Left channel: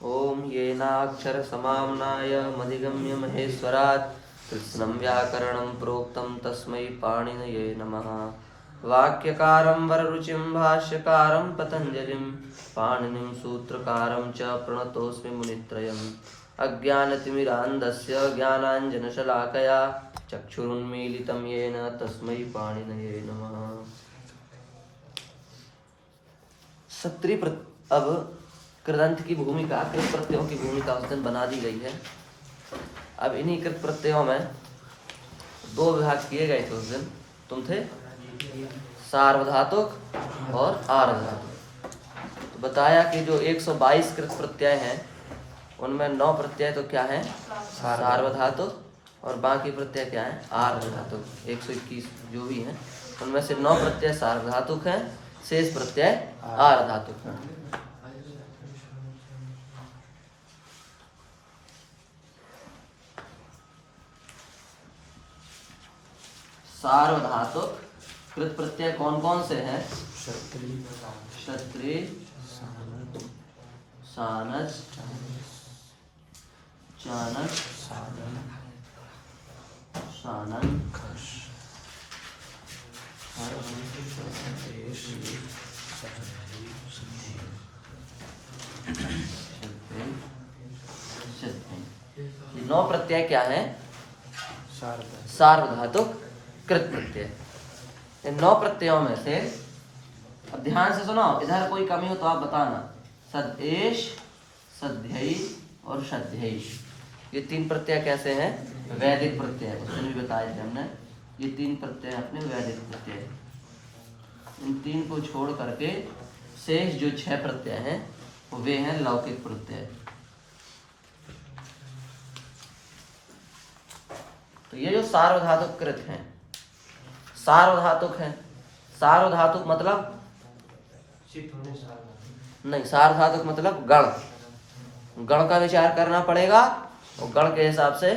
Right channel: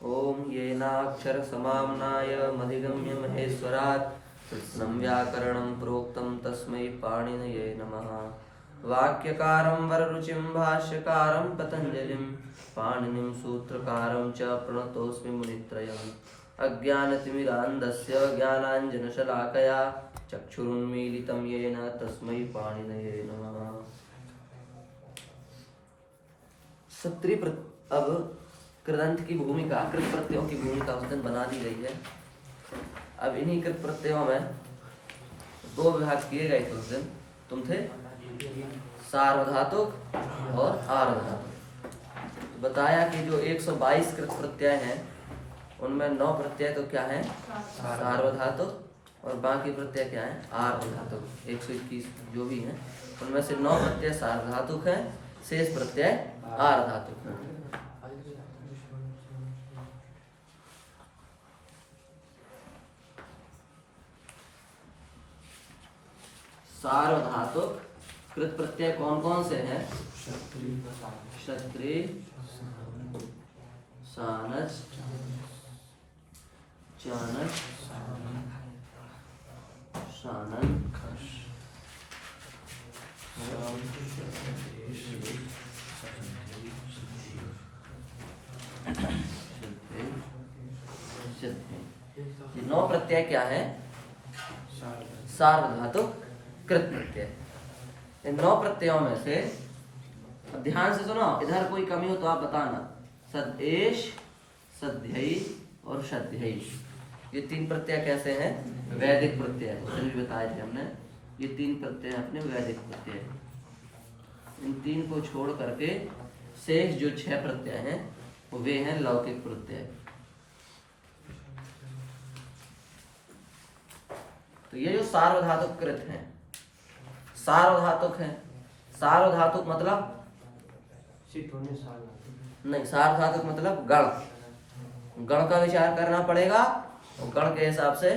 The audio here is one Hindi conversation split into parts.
ओम येनाक्षरसमाम्नाय मधिगम्य महेश्वरात् कृत्स्नं व्याकरणं प्रोक्तं तस्मै पाणिनये नमः। वाक्यकारं वररुचिं भाष्यकारं पतञ्जलिं पाणिनिं सूत्रकारं च प्रणतोऽस्मि मुनित्रयम्। अज्ञानतिमिरान्धस्य ज्ञानाञ्जनशलाकया चक्षुरुन्मीलितं येन तस्मै पाणिनये नमः। अब कृदंत की भूमिका, कृत प्रत्ययों की भूमिका उस दिन बना दी गई है। अब इन्हीं कृत प्रत्ययों में दो विभाग किए गए थे उस दिन। तुम थे सार्वधातुक और आर्धधातुक। तो बताया कि जो 122 कृत प्रत्यय हैं उनमें 9 प्रत्यय तो क्या है सार्वधातुक और बाकी प्रत्यय क्या है आर्धधातुक। 121 जो भी हैं उनमें से 9 प्रत्यय सार्वधातुक हैं, शेष प्रत्यय आर्धधातुक हैं। सार्वधातुक कृत प्रत्यय कौन कौन से हैं? क्षत्रि, सानस, चानस, शानन, ये 9 प्रत्यय क्या है? सार्वधातुक कृत प्रत्यय। इन 9 प्रत्ययों में से अब ध्यान से सुनो, इधर कोई कमी हो तो आप बताना। सदेश, सध्यई और सध्यई, ये 3 प्रत्यय कैसे हैं? वैदिक प्रत्यय। उसमें भी बताए थे हमने, ये 3 प्रत्यय अपने वैदिक प्रत्यय। इन 3 को छोड़ करके शेष जो 6 प्रत्यय हैं वे हैं लौकिक प्रत्यय। तो ये जो सार्वधातुक कृत हैं, सार्वधातुक है। सार्वधातुक मतलब नहीं, सार्वधातुक मतलब गण। गण का विचार करना पड़ेगा और गण के हिसाब से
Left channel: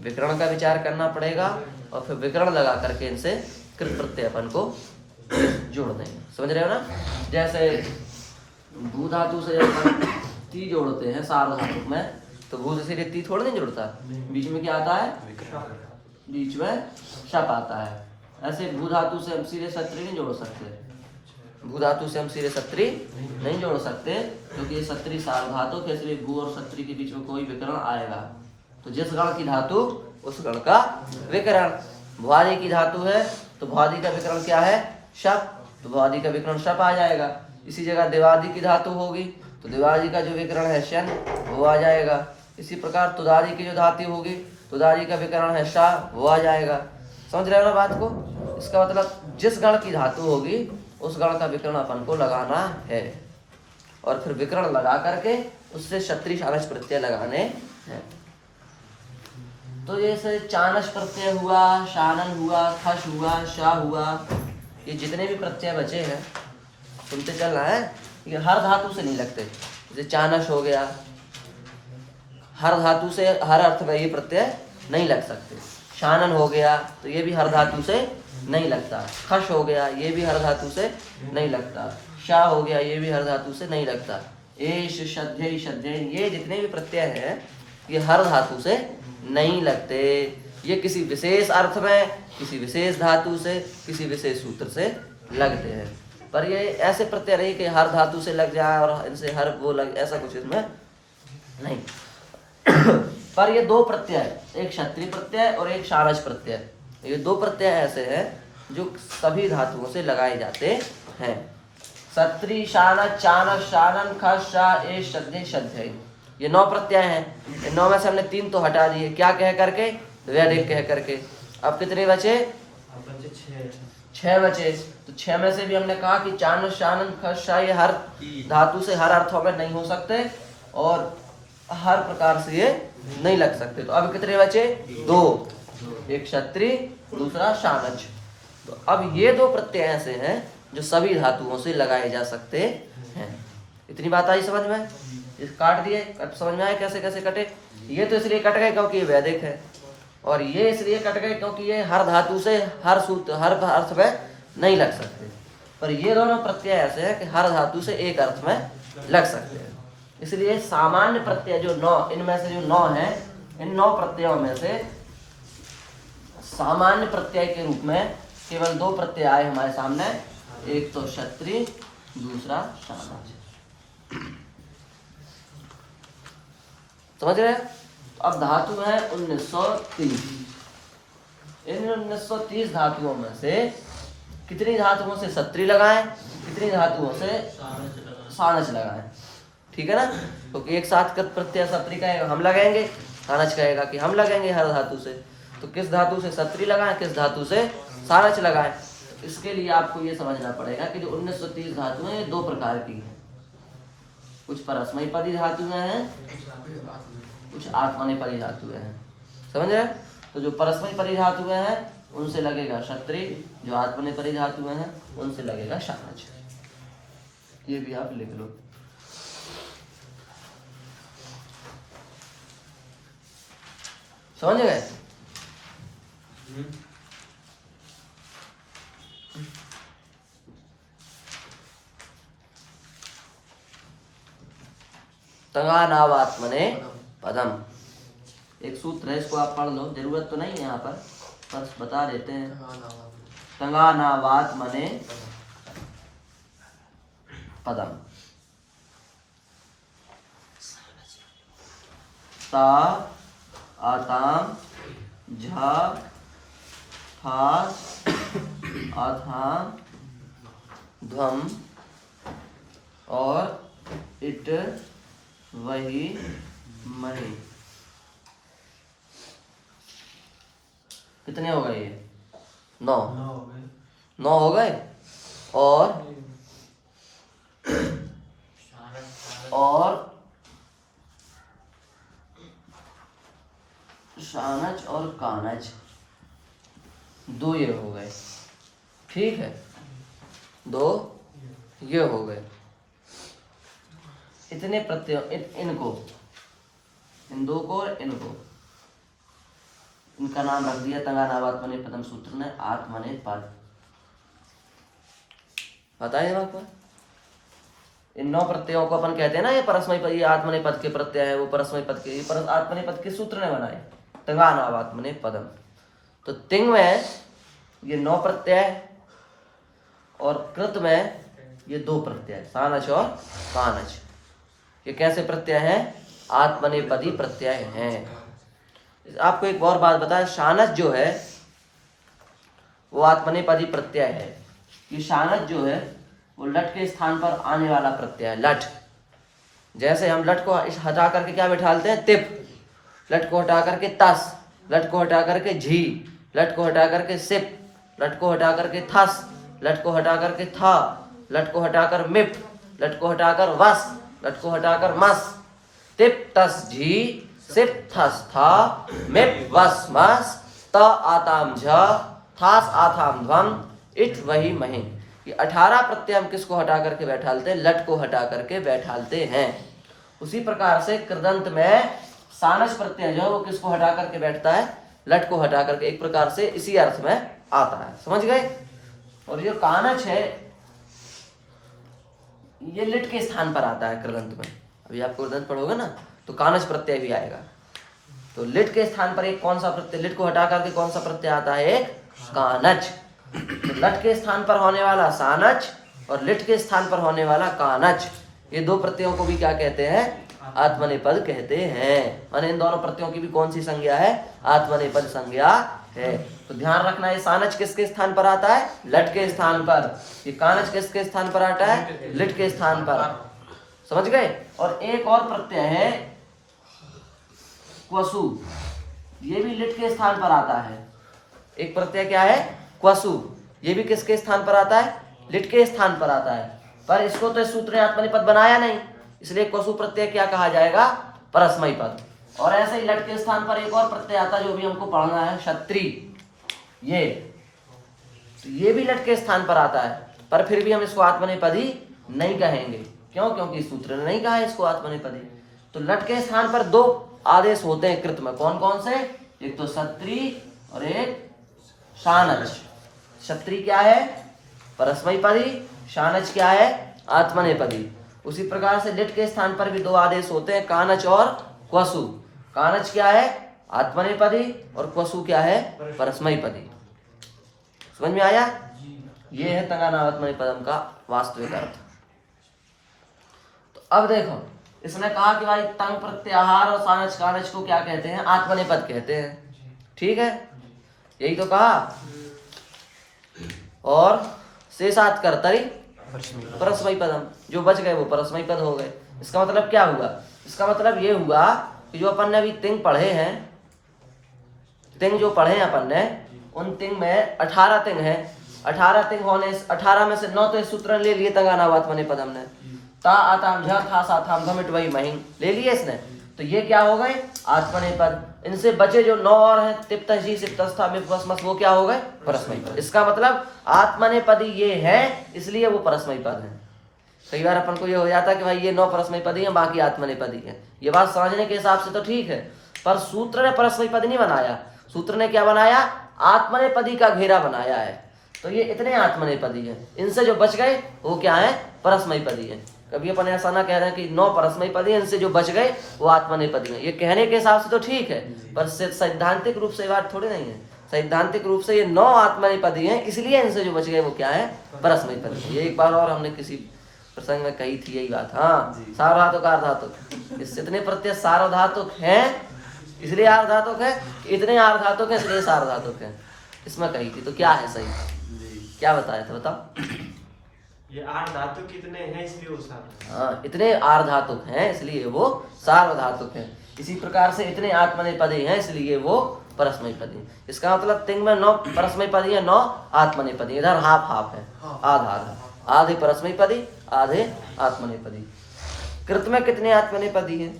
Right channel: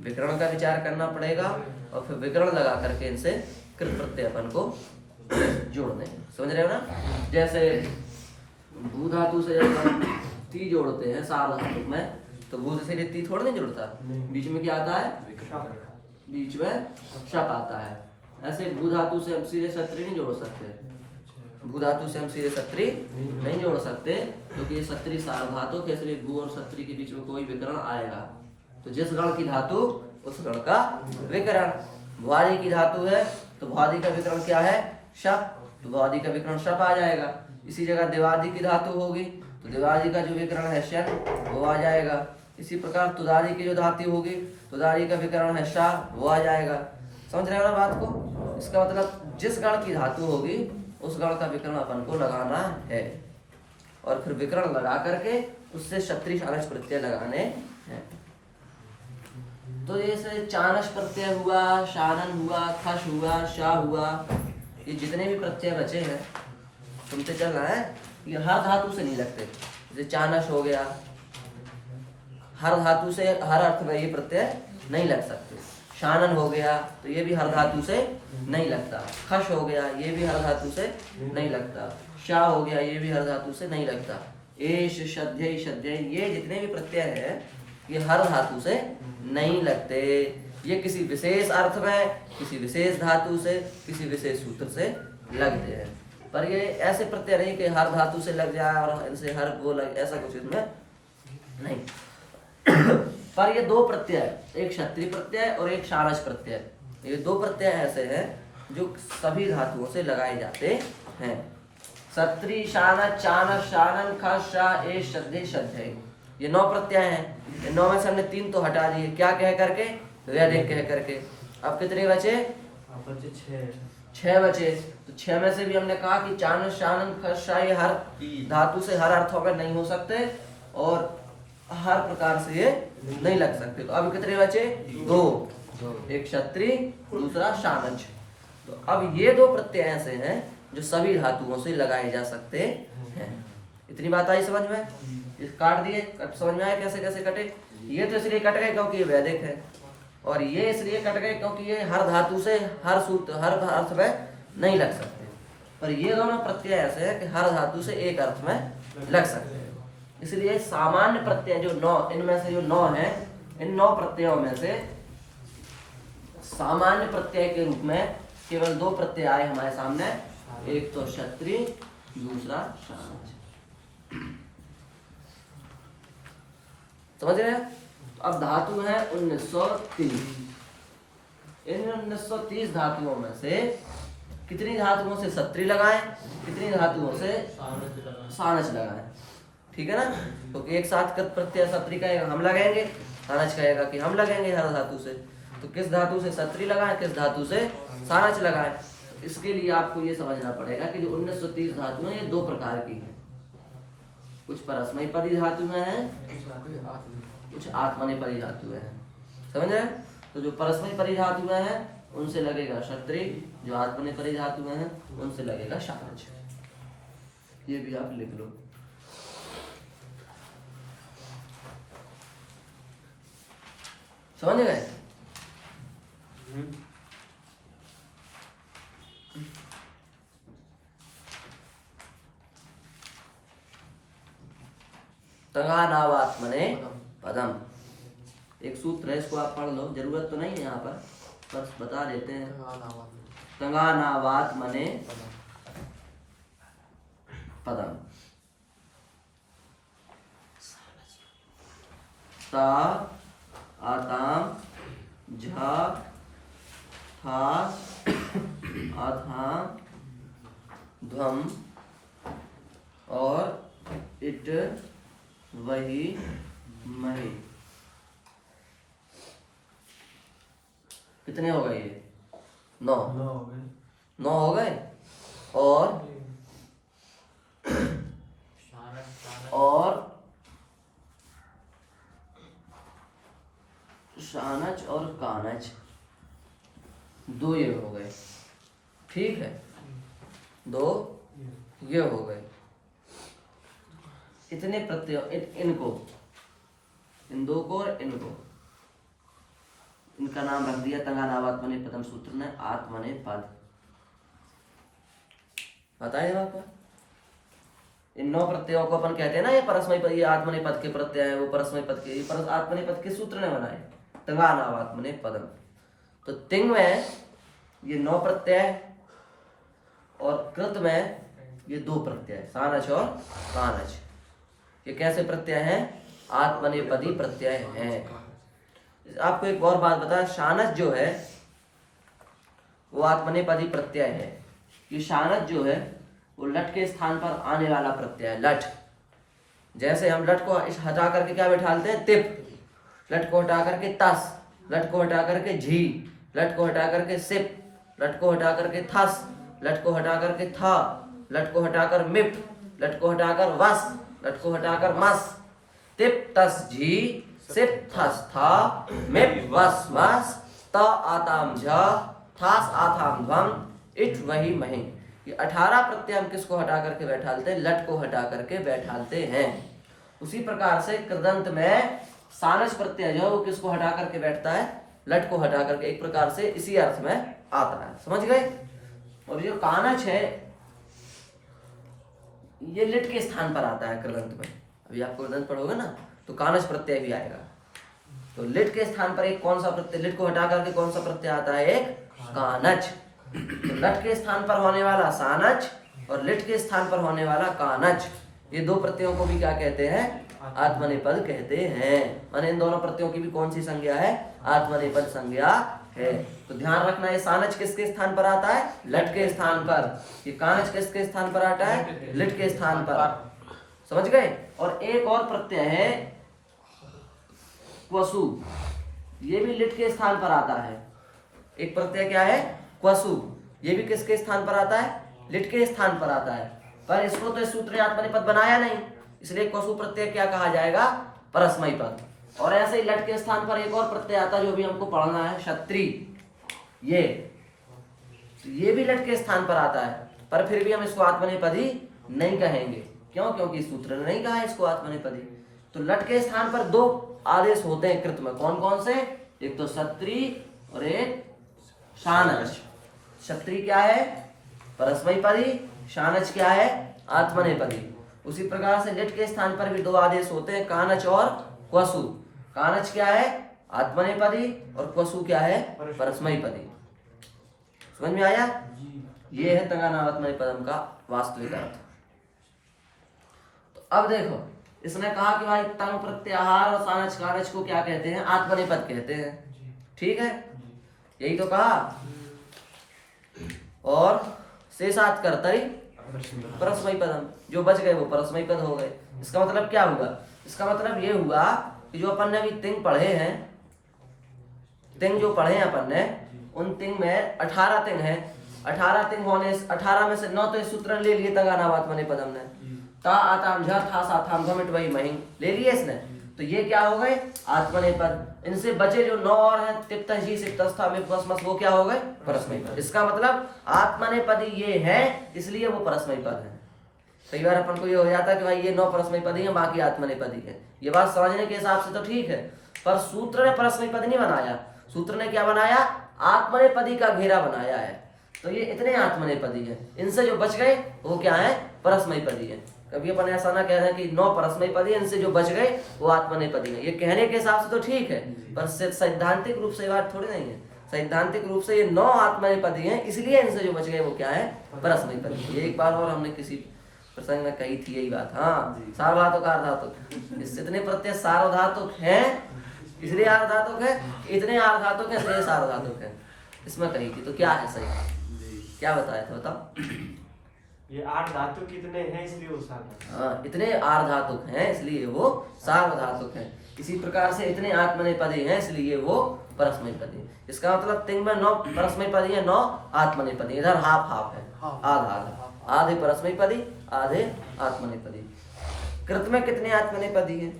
विकरण का विचार करना पड़ेगा और फिर विकरण लगा करके इनसे कृत प्रत्ययपन को जोड़ देंगे। समझ रहे हो ना? जैसे भू धातु से जब ती जोड़ते हैं सार्वधातुक में, तो भू से ती थोड़ा नहीं जुड़ता, बीच में क्या आता है? बीच में शप आता है। ऐसे भू धातु से हम सीधे सत्री नहीं जोड़ सकते। भू धातु से हम सीधे सत्री नहीं जोड़ सकते क्योंकि सत्री सार्वधातुक है, इसलिए भू और सत्री के बीच में कोई विकरण आएगा। तो जिस गण की धातु उस गण का विकरण। भुआदि की धातु है तो भुआदि का विकरण क्या है? शप। तो भुआदि का विकरण शप आ जाएगा। इसी जगह देवादि की धातु होगी तो देवादि का जो विकरण है शन, वो आ जाएगा। इसी प्रकार तुदादि की जो धातु होगी, तुदादि का विकरण है शा, वो आ जाएगा। समझ रहे हो ना बात को? इसका मतलब जिस गण की धातु होगी उस गण का विकरण अपन को लगाना है और फिर विकरण लगा करके उससे क्षत्रि शानस प्रत्यय लगाने हैं। तो जैसे चानस प्रत्यय हुआ, शानन हुआ, खश हुआ, शा हुआ, ये जितने भी प्रत्यय बचे हैं सुनते चल रहा है, ये हर धातु से नहीं लगते। जैसे चानस हो गया, हर धातु से हर अर्थ में ये प्रत्यय नहीं लग सकते। शानन हो गया तो ये भी हर धातु से नहीं लगता। खश हो गया ये भी हर धातु से नहीं लगता। शा हो गया ये भी हर धातु से नहीं लगता। एश, शध्यय, शध्यय, ये जितने भी प्रत्यय हैं ये हर धातु से नहीं लगते। ये किसी विशेष अर्थ में, किसी विशेष धातु से, किसी विशेष सूत्र से लगते हैं। पर ये ऐसे प्रत्यय नहीं कि हर धातु से लग जाए और इनसे हर वो लग, ऐसा कुछ इसमें नहीं। पर ये 2 प्रत्यय, एक क्षत्रिय प्रत्यय और एक शानस प्रत्यय, ये 2 प्रत्यय ऐसे हैं जो सभी धातुओं से लगाए जाते हैं। क्षत्रिय, शानस, चानस, शानन, खश, शा, एश, शध्यय, शध्यय, ये 9 प्रत्यय हैं। इन 9 में से हमने 3 तो हटा दिए, क्या कह करके? वैदिक कह करके। अब कितने बचे? 6 बचे। तो 6 में से भी हमने कहा कि चानस, शानन, खश, शा ये हर धातु से हर अर्थों में नहीं हो सकते और हर प्रकार से ये नहीं लग सकते। तो अब कितने बचे? 2, एक क्षत्रिय, दूसरा शानच। तो अब ये 2 प्रत्यय ऐसे हैं जो सभी धातुओं से लगाए जा सकते हैं। इतनी बात आई समझ में? इस काट दिए, समझ में आए कैसे कैसे कटे? ये तो इसलिए कट गए क्योंकि ये वैदिक है और ये इसलिए कट गए क्योंकि ये हर धातु से हर सूत्र हर अर्थ में नहीं लग सकते। पर ये दोनों प्रत्यय ऐसे हैं कि हर धातु से एक अर्थ में लग सकते हैं। इसलिए सामान्य प्रत्यय जो 9, इनमें से जो 9 हैं, इन 9 प्रत्ययों में से सामान्य प्रत्यय के रूप में केवल 2 प्रत्यय आए हमारे सामने, एक तो क्षत्रिय, दूसरा शानच। समझ रहे हैं? अब धातु है 1930। इन 1930 धातुओं में से कितनी धातुओं से क्षत्रिय लगाएं, कितनी धातुओं से शानच लगाएं? ठीक है ना? तो एक साथ कृत प्रत्यय क्षत्रिय कहेगा हम लगाएंगे, शानच कहेगा कि हम लगाएंगे हर धातु से। तो किस धातु से क्षत्रिय लगाएं, किस धातु से शानच लगाएं? इसके लिए आपको ये समझना पड़ेगा कि जो 1930 धातुएं हैं 2 प्रकार की हैं। कुछ परस्मैपदी धातुएं हैं, कुछ आत्मनेपदी धातुएं हैं। समझ रहे? तो जो परस्मैपदी धातुएं हैं उनसे लगेगा क्षत्रिय, जो आत्मनेपदी धातुएं हैं उनसे लगेगा शानच। ये भी आप लिख लो। समझ गए? तंगानावात्मने पदम, एक सूत्र है, इसको आप पढ़ लो, जरूरत तो नहीं है यहाँ पर, बस बता देते हैं। तंगानावात्मने पदम, ता आताम झा था आथाम ध्वम और इट वही मही। कितने हो गए ये? 9 हो गए। और शानच और कानच 2 ये हो गए। ठीक है, 2 ये हो गए। इतने प्रत्ययों, इनको, इन 2 को और इनको, इनका नाम रख दिया तंगानावात्मने पदम सूत्र ने आत्मने पद। बताइए आपको, इन 9 प्रत्ययों को अपन कहते हैं ना, ये परस्मै पद, ये आत्मने पद के प्रत्यय है, वो परस्मै पद के, ये आत्मने पद के सूत्र ने बनाए तंगानावात्मने पदम। तो तिंग में ये 9 प्रत्यय और कृत में ये 2 प्रत्यय, शानच और कानच। ये कैसे प्रत्यय हैं? आत्मनेपदी प्रत्यय हैं। आपको एक और बात बताएं, शानच जो है वो आत्मनेपदी प्रत्यय है। ये शानच जो है वो लट के स्थान पर आने वाला प्रत्यय है। लट, जैसे हम लट को हटा करके क्या बैठालते हैं? तिप। लट को हटा करके तस, लट को हटा करके झी, लट को हटा करके सिप, लट को हटा करके थस, लट को हटा करके था, लट को हटाकर मिप, लट को हटाकर वस, लट को हटाकर मस। तिप तस झी सिप थस था मिप वस मस, त आताम झ थास आथाम ध्वम इट वही मही। ये 18 प्रत्यय हम किसको हटा करके बैठालते हैं? लट को हटा करके बैठालते हैं। उसी प्रकार से कृदंत में शानच प्रत्यय जो है वो किसको हटा करके बैठता है? लट को हटा करके। एक प्रकार से इसी अर्थ में आता है। समझ गए? और ये कानच है, ये लिट के स्थान पर आता है कृदंत में। अभी आप कृदंत पढ़ोगे ना तो कानच प्रत्यय भी आएगा। तो लिट के स्थान पर एक कौन सा प्रत्यय, लिट को हटा करके कौन सा प्रत्यय आता है? एक कानच। तो लट के स्थान पर होने वाला शानच और लिट के स्थान पर होने वाला कानच, ये 2 प्रत्ययों को भी क्या कहते हैं? आत्मनेपद कहते हैं। और इन दोनों प्रत्ययों की भी कौन सी संज्ञा है? आत्मनेपद संज्ञा है। तो ध्यान रखना, ये शानच किसके स्थान पर आता है? लट के स्थान पर। ये कानच किसके स्थान पर आता है? लिट के स्थान पर। समझ गए? और एक और प्रत्यय है क्वसु, ये भी लिट के स्थान पर आता है। एक प्रत्यय क्या है? क्वसु, ये भी किसके स्थान पर आता है? लिट के स्थान पर आता है। पर इसको तो सूत्र ने आत्मनेपद बनाया नहीं, इसलिए क्वसु प्रत्यय क्या कहा जाएगा? परस्मै पद। और ऐसे ही लट के स्थान पर एक और प्रत्यय आता है जो भी हमको पढ़ना है, क्षत्रिय। ये भी लट के स्थान पर आता है, पर फिर भी हम इसको आत्मनेपदी नहीं कहेंगे। क्यों? क्योंकि सूत्र ने नहीं कहा है इसको आत्मनेपदी। तो लट के स्थान पर 2 आदेश होते हैं कृत में। कौन कौन से? एक तो क्षत्रिय और एक शानच। क्षत्रिय क्या है? परस्मैपदी। शानच क्या है? आत्मनेपदी। उसी प्रकार से लिट के स्थान पर भी दो आदेश होते हैं, कानच और क्वसु। कानच क्या है? आत्मनेपदी, और क्वसु क्या है? परस्मैपदी। समझ में आया? ये है तंगानावात्मनेपदम का वास्तविक अर्थ। तो अब देखो, इसने कहा कि भाई तंग प्रत्याहार और सानच कानच को क्या कहते हैं? आत्मनेपद कहते हैं। ठीक है, यही तो कहा। और शेषात् कर्तरि परस्मैपदम, जो बच गए वो परस्मैपद हो गए। इसका मतलब क्या हुआ? इसका मतलब ये हुआ कि जो अपन ने अभी तिंग पढ़े हैं, तिंग जो पढ़े हैं अपन ने, उन तिंग में 18 तिंग है। 18 तिंग होने 18 में से 9 तो इस सूत्र ले लिए तंगानावात्मनेपदम ने। ता आताम झा था साथाम घमिट वही महिम ले लिए इसने, तो ये क्या हो गए? आत्मनेपद। इनसे बचे जो 9 और हैं, तिप्तजी सिप्तस्था विप्वस्मस, वो क्या हो गए? परस्मैपद। इसका मतलब आत्मनेपदी ये है, इसलिए वो परस्मैपद है। कई बार अपन को ये हो जाता है कि भाई ये 9 परस्मैपदी हैं, बाकी आत्मनेपदी हैं। ये बात समझने के हिसाब से तो ठीक है, पर सूत्र ने परस्मैपद नहीं बनाया। सूत्र ने क्या बनाया? आत्मनेपदी का घेरा बनाया है। तो ये इतने आत्मनेपदी हैं, इनसे जो बच गए वो क्या है? परस्मैपदी है। कभी अपन ऐसा ना कह रहे हैं कि 9 परस्मैपदी, इनसे जो बच गए वो आत्मनेपदी है। ये कहने के हिसाब से तो ठीक है, पर सैद्धांतिक रूप से बात थोड़ी नहीं है। सैद्धांतिक रूप से ये 9 आत्मनेपदी हैं, इसलिए इनसे जो बच गए वो क्या है? परस्मैपदी। ये एक बार और हमने किसी प्रसंग में कही थी यही बात। हाँ, सार्वधातुक आर्धातुक, इससे इतने प्रत्यय सार्वधातुक हैं इसलिए आर्धातुक है, इतने आर्धातुक है इसलिए सार्वधातुक है, इसमें कही थी। तो क्या है सही? क्या बताया था बताओ? ये 8 धातु कितने हैं इसलिए वो सार्वधातुक। हाँ, इतने आर्धातुक हैं इसलिए वो सार्वधातुक है। इसी प्रकार से इतने आत्मनेपदी हैं इसलिए वो परस्मैपदी। इसका मतलब तिंग में 9 परस्मैपदी है, 9 आत्मनेपदी। इधर हाफ हाफ है, आधा आधा, आधे परस्मैपदी आधे आत्मनेपदी। कृत में कितने आत्मनेपदी हैं?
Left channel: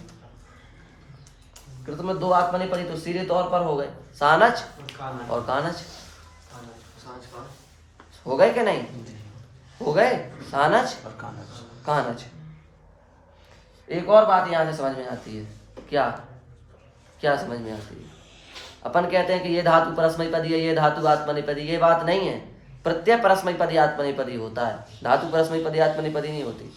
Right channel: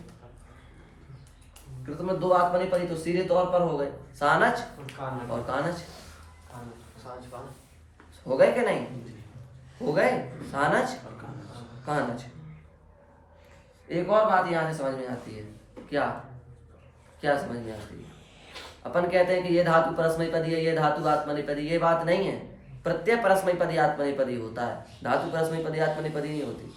कृत में 2 आत्मनेपदी तो सीधे तौर पर हो गए, सानच और कानच। हो गए कि नहीं? हो गए, सानच और कानच। एक और बात यहाँ से समझ में आती है। क्या क्या समझ में आती है? अपन कहते हैं कि ये धातु परस्मैपदी है, ये धातु आत्मनेपदी। ये बात नहीं है। प्रत्यय परस्मैपदी आत्मनेपदी होता है, धातु परस्मैपदी आत्मनेपदी नहीं होती।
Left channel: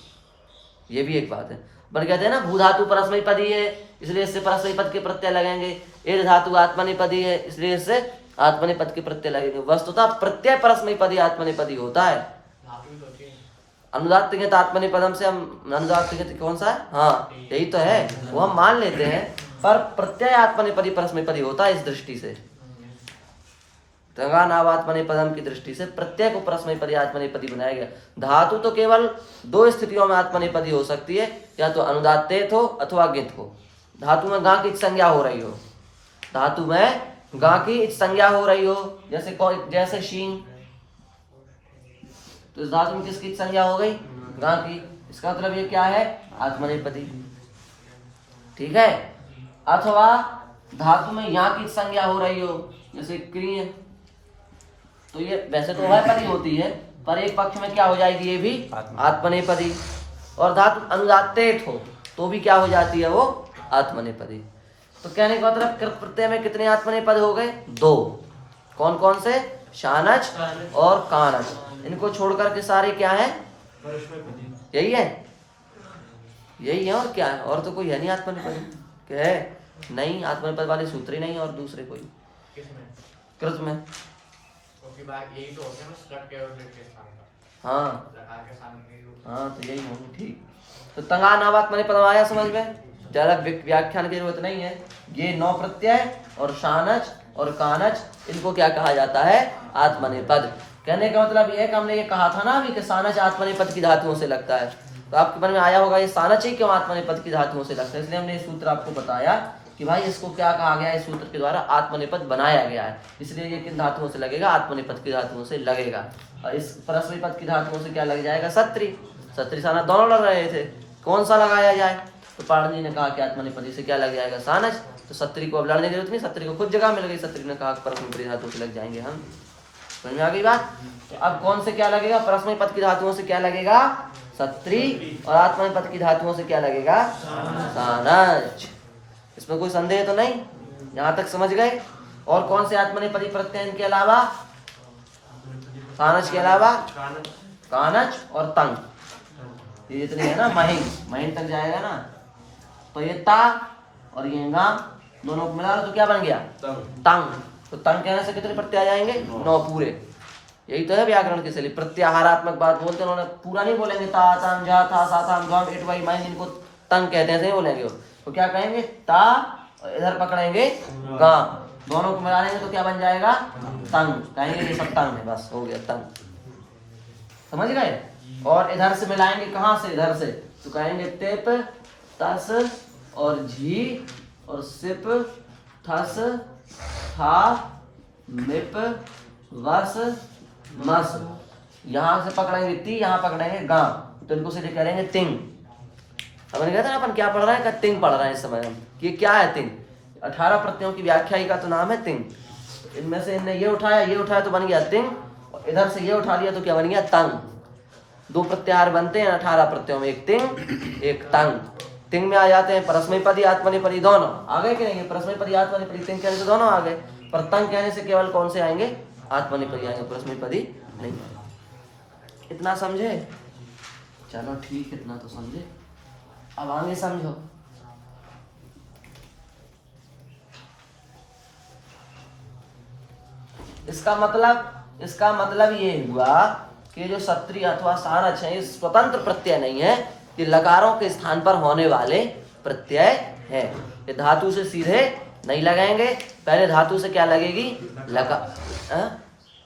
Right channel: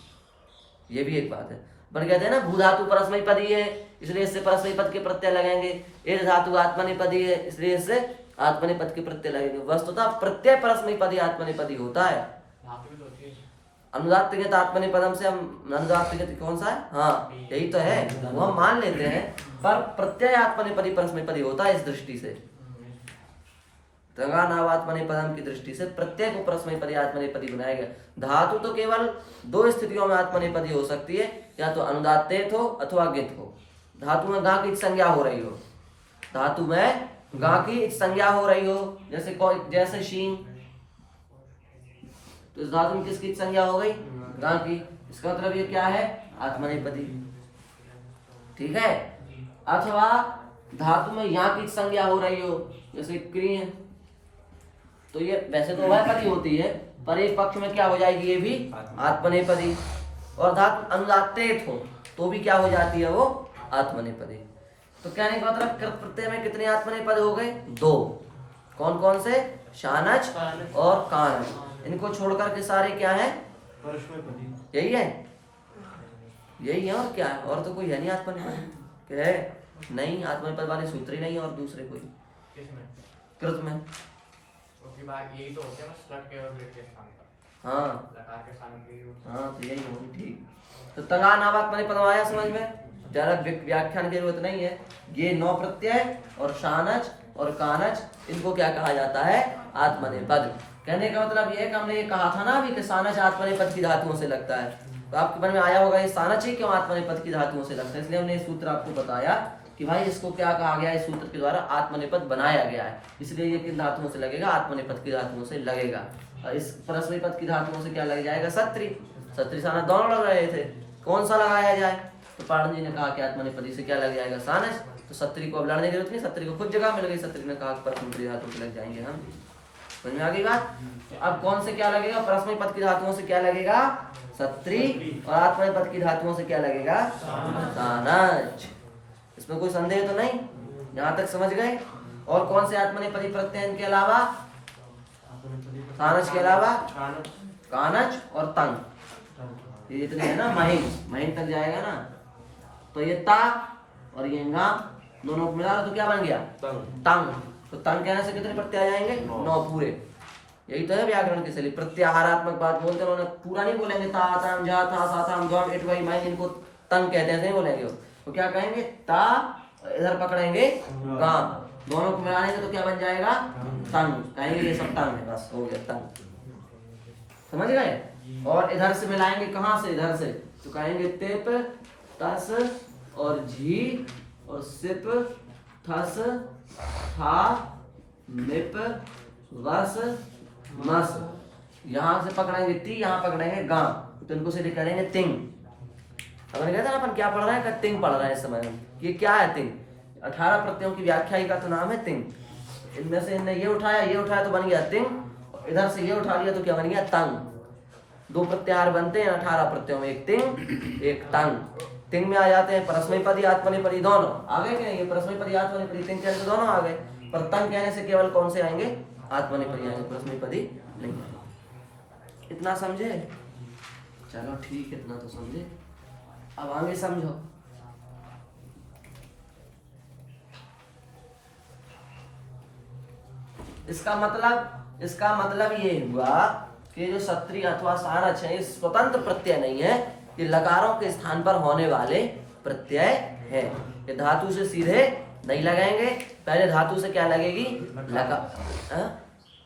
ये भी एक बात है। अपन कहते हैं ना भू धातु परस्मैपदी है इसलिए इससे परस्मैपद के प्रत्यय लगेंगे, ये धातु आत्मनेपदी है इसलिए इससे आत्मनेपद के प्रत्यय लगेंगे। वस्तुतः प्रत्यय परस्मैपदी आत्मनेपदी होता है। अनुदात्त आत्मनेपदम से हम अनुदात्त कौन सा? हाँ, यही तो है, वो हम मान लेते हैं, पर प्रत्यय आत्मनेपदी परस्मैपदी होता है। इस दृष्टि से तंगानावात्मनेपदम की दृष्टि से प्रत्यय को परस्मैपदी आत्मनेपदी बनाया गया। धातु तो केवल 2 स्थितियों में आत्मनेपदी हो सकती है, या तो अनुदात्तेत हो अथवा गित हो। धातु में गा की संज्ञा हो रही हो, धातु में गा की संज्ञा हो रही हो, जैसे शीन, तो इस धातु में किसकी संज्ञा हो गई? गा की। इसका मतलब ये क्या है? आत्मनेपदी। ठीक है। अथवा धातु में यहाँ की संज्ञा हो रही हो, जैसे क्रिय, तो ये वैसे तो उभयपदी होती है, पर एक पक्ष में क्या हो जाएगी? ये भी आत्मनेपदी। और धातु अनुदात्तेत हो तो भी क्या हो जाती है? वो आत्मनेपदी। तो कहने का मतलब कृत प्रत्यय में कितने आत्मनेपद हो गए? 2। कौन कौन से? शानच और कानच। इनको छोड़कर के सारे क्या है? यही है, यही है। और क्या है? और तो कोई है नहीं आत्मनेपद। क्या है? नहीं, आत्मनेपद वाले सूत्र ही नहीं और दूसरे कोई कृत में। यही तो होते हैं ना, स्लग के और दीर्घ के स्थान पर। हाँ लकार के स्थान पे। हाँ, तो यही होगा। ठीक। तो तंगानावात्मनेपदम आया समझ में? ज्यादा व्याख्यान की जरूरत नहीं है। ये 9 प्रत्यय और शानच और कानच, इनको क्या कहा जाता है? आत्मनेपद। कहने का मतलब ये है कि हमने ये कहा था ना अभी कि सानच आत्मनेपद की धातुओं से लगता है, तो आपके मन में आया होगा ये सानच ही क्यों आत्मनेपद की धातुओं से लगता है। इसलिए हमने ये सूत्र आपको बताया कि भाई इसको क्या कहा गया है, इस सूत्र के द्वारा आत्मनेपद बनाया गया है। इसलिए ये किन धातुओं से लगेगा? आत्मनेपद की धातुओं से लगेगा। और इस परस्मैपद की धातुओं से क्या लग जाएगा? सत्री। सत्री साना दोनों लग रहे थे, कौन सा लगाया जाए? तो पाणिनि ने कहा कि आत्मनेपदी से क्या लग जाएगा? सानच। तो सत्री को अब लड़ने की जरूरत नहीं, सत्री को खुद जगह मिल गई। सत्री ने कहा परस्मैपदी धातु से लग जाएंगे हम। समझ में आ गई बात? तो अब कौन से क्या लगेगा? परस्मैपद की धातुओं से क्या लगेगा? सत्री। और आत्मनेपद की धातुओं से क्या लगेगा? सानच। इसमें कोई संदेह तो नहीं? यहाँ तक समझ गए? और कौन से आत्मनेपदी प्रत्यय इनके अलावा? सानच के अलावा कानच और तंग। ये जितने हैं ना महिन तक जाएगा ना, तो ये ता और ये गा दोनों को मिला लो तो क्या बन गया? तंग। तो तंग कहने से कितने प्रत्यय आ जाएंगे? 9 पूरे। यही तो है व्याकरण की शैली, प्रत्याहारात्मक बात बोलते हैं उन्होंने, पूरा नहीं बोलेंगे ता तम जा था सा था द्वम इट वाई माइन, इनको तंग कहते हैं, नहीं बोलेंगे वो। तो क्या कहेंगे? ता, इधर पकड़ेंगे गा, दोनों को मिला लेंगे तो क्या बन जाएगा? तंग। कहेंगे ये सब तंग है, बस हो गया तंग। समझ गए? और इधर से मिलाएंगे, कहां से? इधर से, तो कहेंगे तिप तस और झी और सिप थस था निप वस मस। यहां से पकड़ेंगे ती, यहां पकड़ेंगे गा, तो इनको सीधे करेंगे तिंग। हमने कहते ना अपन क्या पढ़ रहे हैं? का तिंग पढ़ रहे हैं इस समय हम। ये क्या है तिंग? 18 प्रत्ययों की व्याख्या का तो नाम है तिंग। इनमें से इनने ये उठाया तो बन गया तिंग, और इधर से ये उठा लिया तो क्या बन गया? तंग। 2 प्रत्याहार बनते हैं 18 प्रत्ययों में, एक तिंग एक तंग। तिंग में आ जाते हैं परस्मैपदी आत्मनेपदी दोनों आ गए कि नहीं? ये परस्मैपदी आत्मनेपदी तिंग कहने से दोनों आ गए, पर तंग कहने से केवल कौन से आएंगे? आत्मनेपदी आएंगे, परस्मैपदी नहीं। इतना समझे? चलो ठीक है, इतना तो समझे। अब आगे समझो। इसका मतलब ये हुआ कि जो सत्री अथवा सारच है, स्वतंत्र प्रत्यय नहीं है, ये लकारों के स्थान पर होने वाले प्रत्यय है। ये धातु से सीधे नहीं लगाएंगे, पहले धातु से क्या लगेगी? लकार।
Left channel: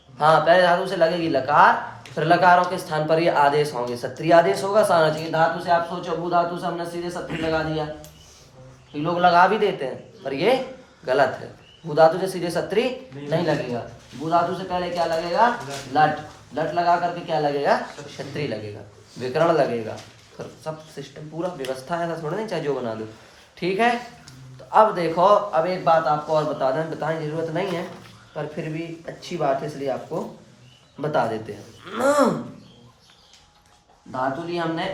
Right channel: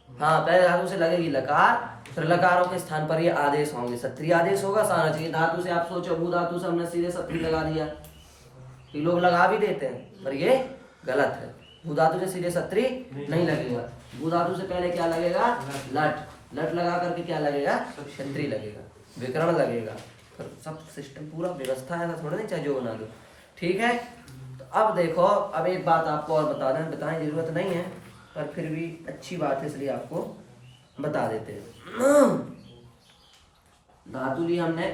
हाँ, पहले धातु से लगेगी लकार, फिर लकारों के स्थान पर ये आदेश होंगे। सत्री आदेश होगा सारच। ये धातु से आप सोचो, भू धातु से हमने सीधे सत्री लगा दिया, ये लोग लगा भी देते हैं, पर ये गलत है। भू धातु से सीधे सत्री नहीं लगेगा, भू धातु से पहले क्या लगेगा? लट। लट लगा करके क्या लगेगा? क्षत्री लगेगा, विकरण लगेगा, फिर सब सिस्टम पूरा व्यवस्था है, ऐसा थोड़ा नहीं चाहे जो बना दो। ठीक है, तो अब देखो, अब एक बात आपको और बताने की जरूरत नहीं है, पर फिर भी अच्छी बात है इसलिए आपको बता देते हैं। धातु ली हमने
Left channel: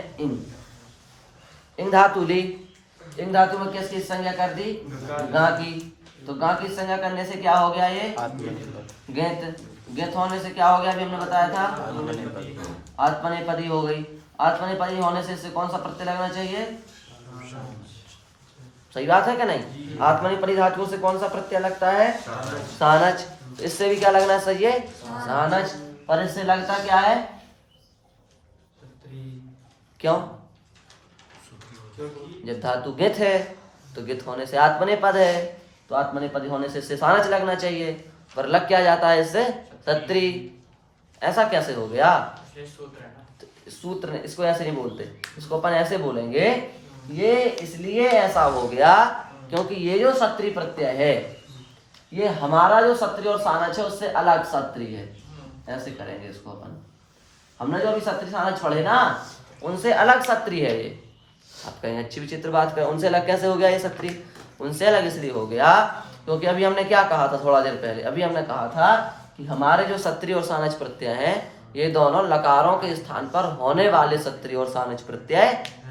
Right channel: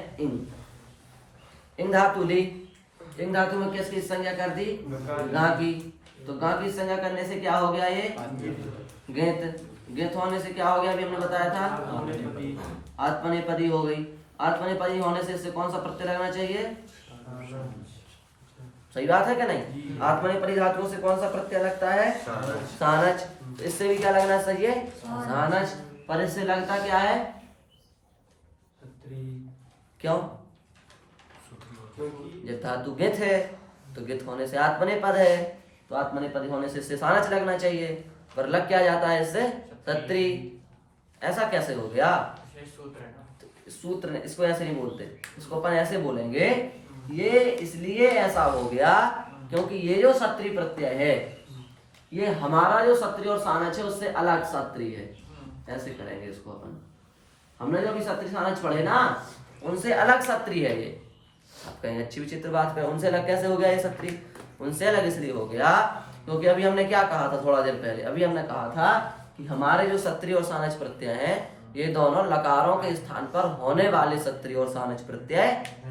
इन धातु ली, इन धातु में किसकी संज्ञा कर दी? गा की। तो गा की संज्ञा करने से क्या हो गया? ये गेत। गेत होने से क्या हो गया? अभी हमने बताया था, आत्मनेपदी हो गई। आत्मनेपदी होने से इससे कौन सा प्रत्यय लगना चाहिए? सही बात है कि नहीं? आत्मनेपदी धातुओं से कौन सा प्रत्यय लगता है? सानच। इससे भी क्या लगना चाहिए? सानच। पर इससे लगता क्या है? क्यों? जब धातु गित है तो गित होने से आत्मनेपद है, तो आत्मनेपद होने से इससे सानच लगना चाहिए, पर लग क्या जाता है इससे? सत्री। ऐसा कैसे हो गया? सूत्र, इसको ऐसे नहीं बोलते, इसको अपन ऐसे बोलेंगे, ये इसलिए ऐसा हो गया क्योंकि ये जो सत्री प्रत्यय है, ये हमारा जो सत्री और सानच है उससे अलग सत्री है। ऐसे करेंगे इसको अपन। हमने जो अभी सत्री सानच पढ़े ना, उनसे अलग सत्री है ये। आप कहेंगे अच्छी विचित्र बात करें, उनसे अलग कैसे हो गया ये सत्री? उनसे अलग इसलिए हो गया क्योंकि अभी हमने क्या कहा था थोड़ा देर पहले? अभी हमने कहा था कि हमारे जो सत्री और सानच प्रत्यय हैं, ये दोनों लकारों के स्थान पर होने वाले सत्री और सानच प्रत्यय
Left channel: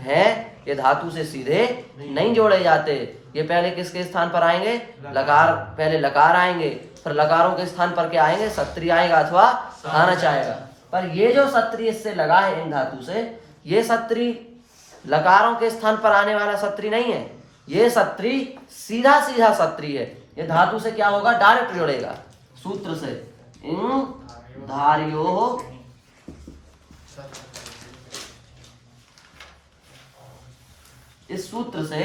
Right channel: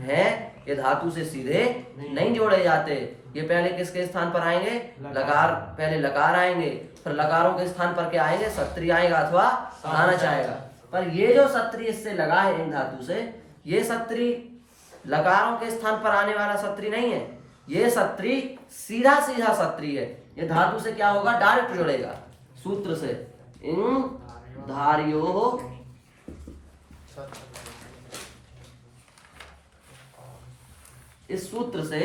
हैं। ये धातु से सीधे नहीं जोड़े जाते। ये पहले किसके स्थान पर आएंगे? लकार। पहले लकार आएंगे, फिर लकारों के स्थान पर क्या आएंगे? सत्री आएगा अथवा सानच आएगा। पर ये जो सत्री इससे लगा है इन धातु से, ये सत्री लकारों के स्थान पर आने वाला सत्री नहीं है, ये सत्री सीधा सीधा सत्री है। ये धातु से क्या होगा? डायरेक्ट जुड़ेगा सूत्र से। इन धार्यो इस सूत्र से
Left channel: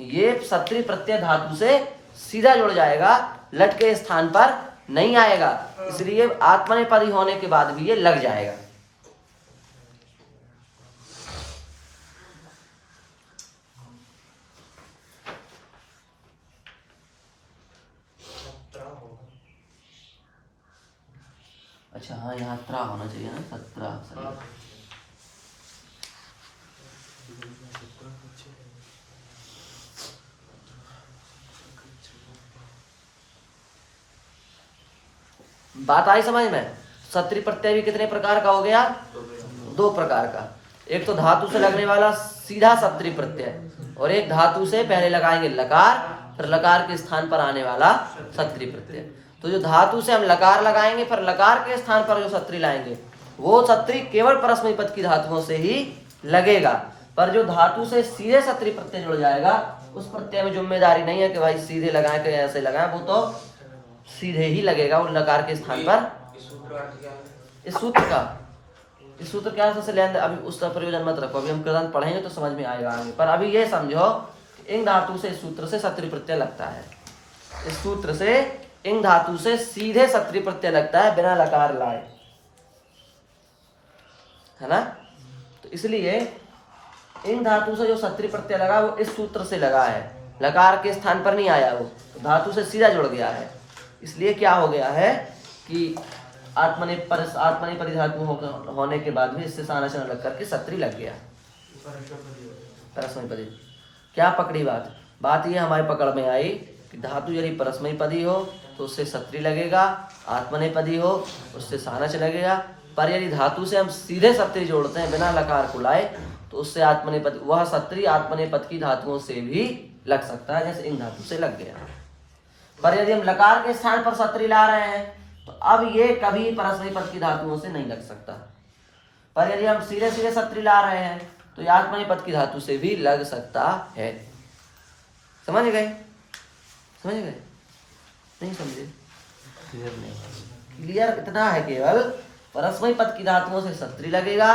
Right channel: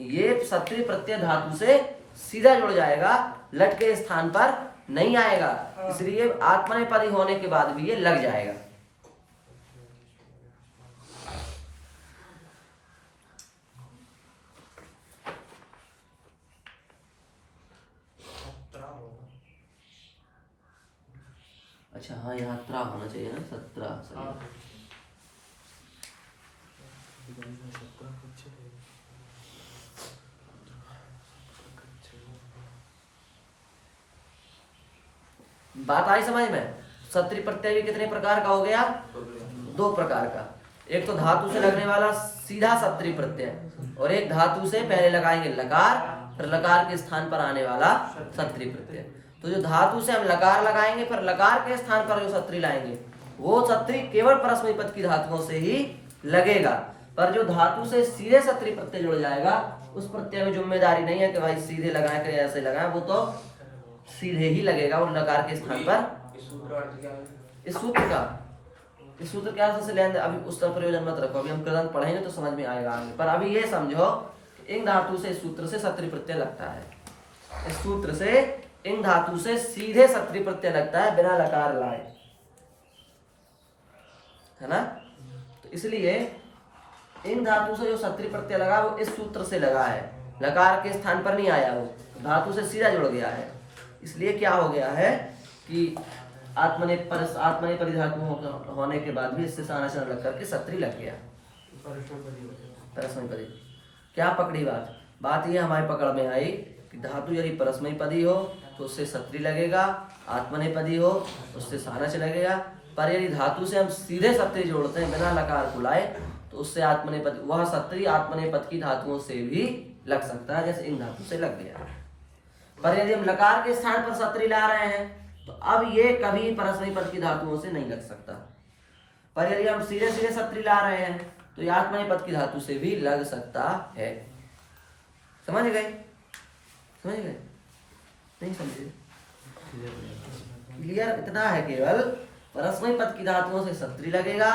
ये सत्री प्रत्यय धातु से सीधा जुड़ जाएगा, लट के स्थान पर नहीं आएगा, इसलिए आत्मनेपदी होने के बाद भी ये लग जाएगा। अच्छा हाँ, यहाँ त्रा होना चाहिए ना, सत्रा। बात आई समझ में? सत्री प्रत्यय भी कितने प्रकार का हो गया? 2 प्रकार का। एक तो धातु से लगने वाला सीधा सत्री प्रत्यय, और एक धातु से पहले लगाएंगे लकार, फिर लकार के स्थान पर आने वाला सत्री प्रत्यय। तो जो धातु से हम लकार लगाएंगे, फिर लकार के स्थान पर जो सत्री लाएंगे, वो सत्री केवल परस्मैपद की धातुओं से ही लगेगा। पर जो धातु से सीधे सत्री प्रत्यय जुड़ जाएगा उस प्रत्यय में जिम्मेदारी नहीं है कि भाई सीधे लगाए कि ऐसे लगाए, वो तो सीधे ही लगेगा और लकार के स्थान पर। इस सूत्र का अर्थ क्या है? इस सूत्र का, इस सूत्र क्या से लें, अभी उसका प्रयोजन मत रखो, अभी हम कृदंत पढ़ेंगे तो समझ में आएगा आगे। पर अभी ये समझो इन धातु से इस सूत्र से सत्री प्रत्यय लगता है, इस सूत्र से इन धातु से सीधे सत्री प्रत्यय लगता है बिना लकार लाए, है ना। तो इसलिए इन धातु से जो सत्री प्रत्यय लगा वो इस सूत्र से लगा है, लकार के स्थान पर नहीं आया, वो धातु से सीधा जुड़ गया है। इसलिए क्या हो गया है कि आत्मनेपदी धातु होने के बाद भी इससे सानाचरण लग करके सत्री लग गया। परस्मैपदी क्या पकड़ी बात, बात ये हमारे पकड़ में आई कि धातु यदि परस्मैपदी हो तो उससे सत्री लगेगा, आत्मनेपदी हो उससे सानच लगेगा। पर यदि धातु से हम सीधे सत्री जोड़ते हैं बिना लकार को लाए तो उससे आत्मनेपद, वह सत्री आत्मनेपद की धातुओं से भी लग सकता है, जैसे इन धातु से लग गया। पर यदि हम लकार के स्थान पर सत्री ला रहे हैं तो अब ये कभी परस्मैपद की धातुओं से नहीं लग सकता। पर यदि हम सीधे सीधे सत्री ला रहे हैं तो ये आत्मनेपद की धातु से भी लग सकता है। समझ गए, समझ गए, नहीं समझे? क्लियर इतना है, केवल परस्मैपद की धातुओं से सत्री लगेगा,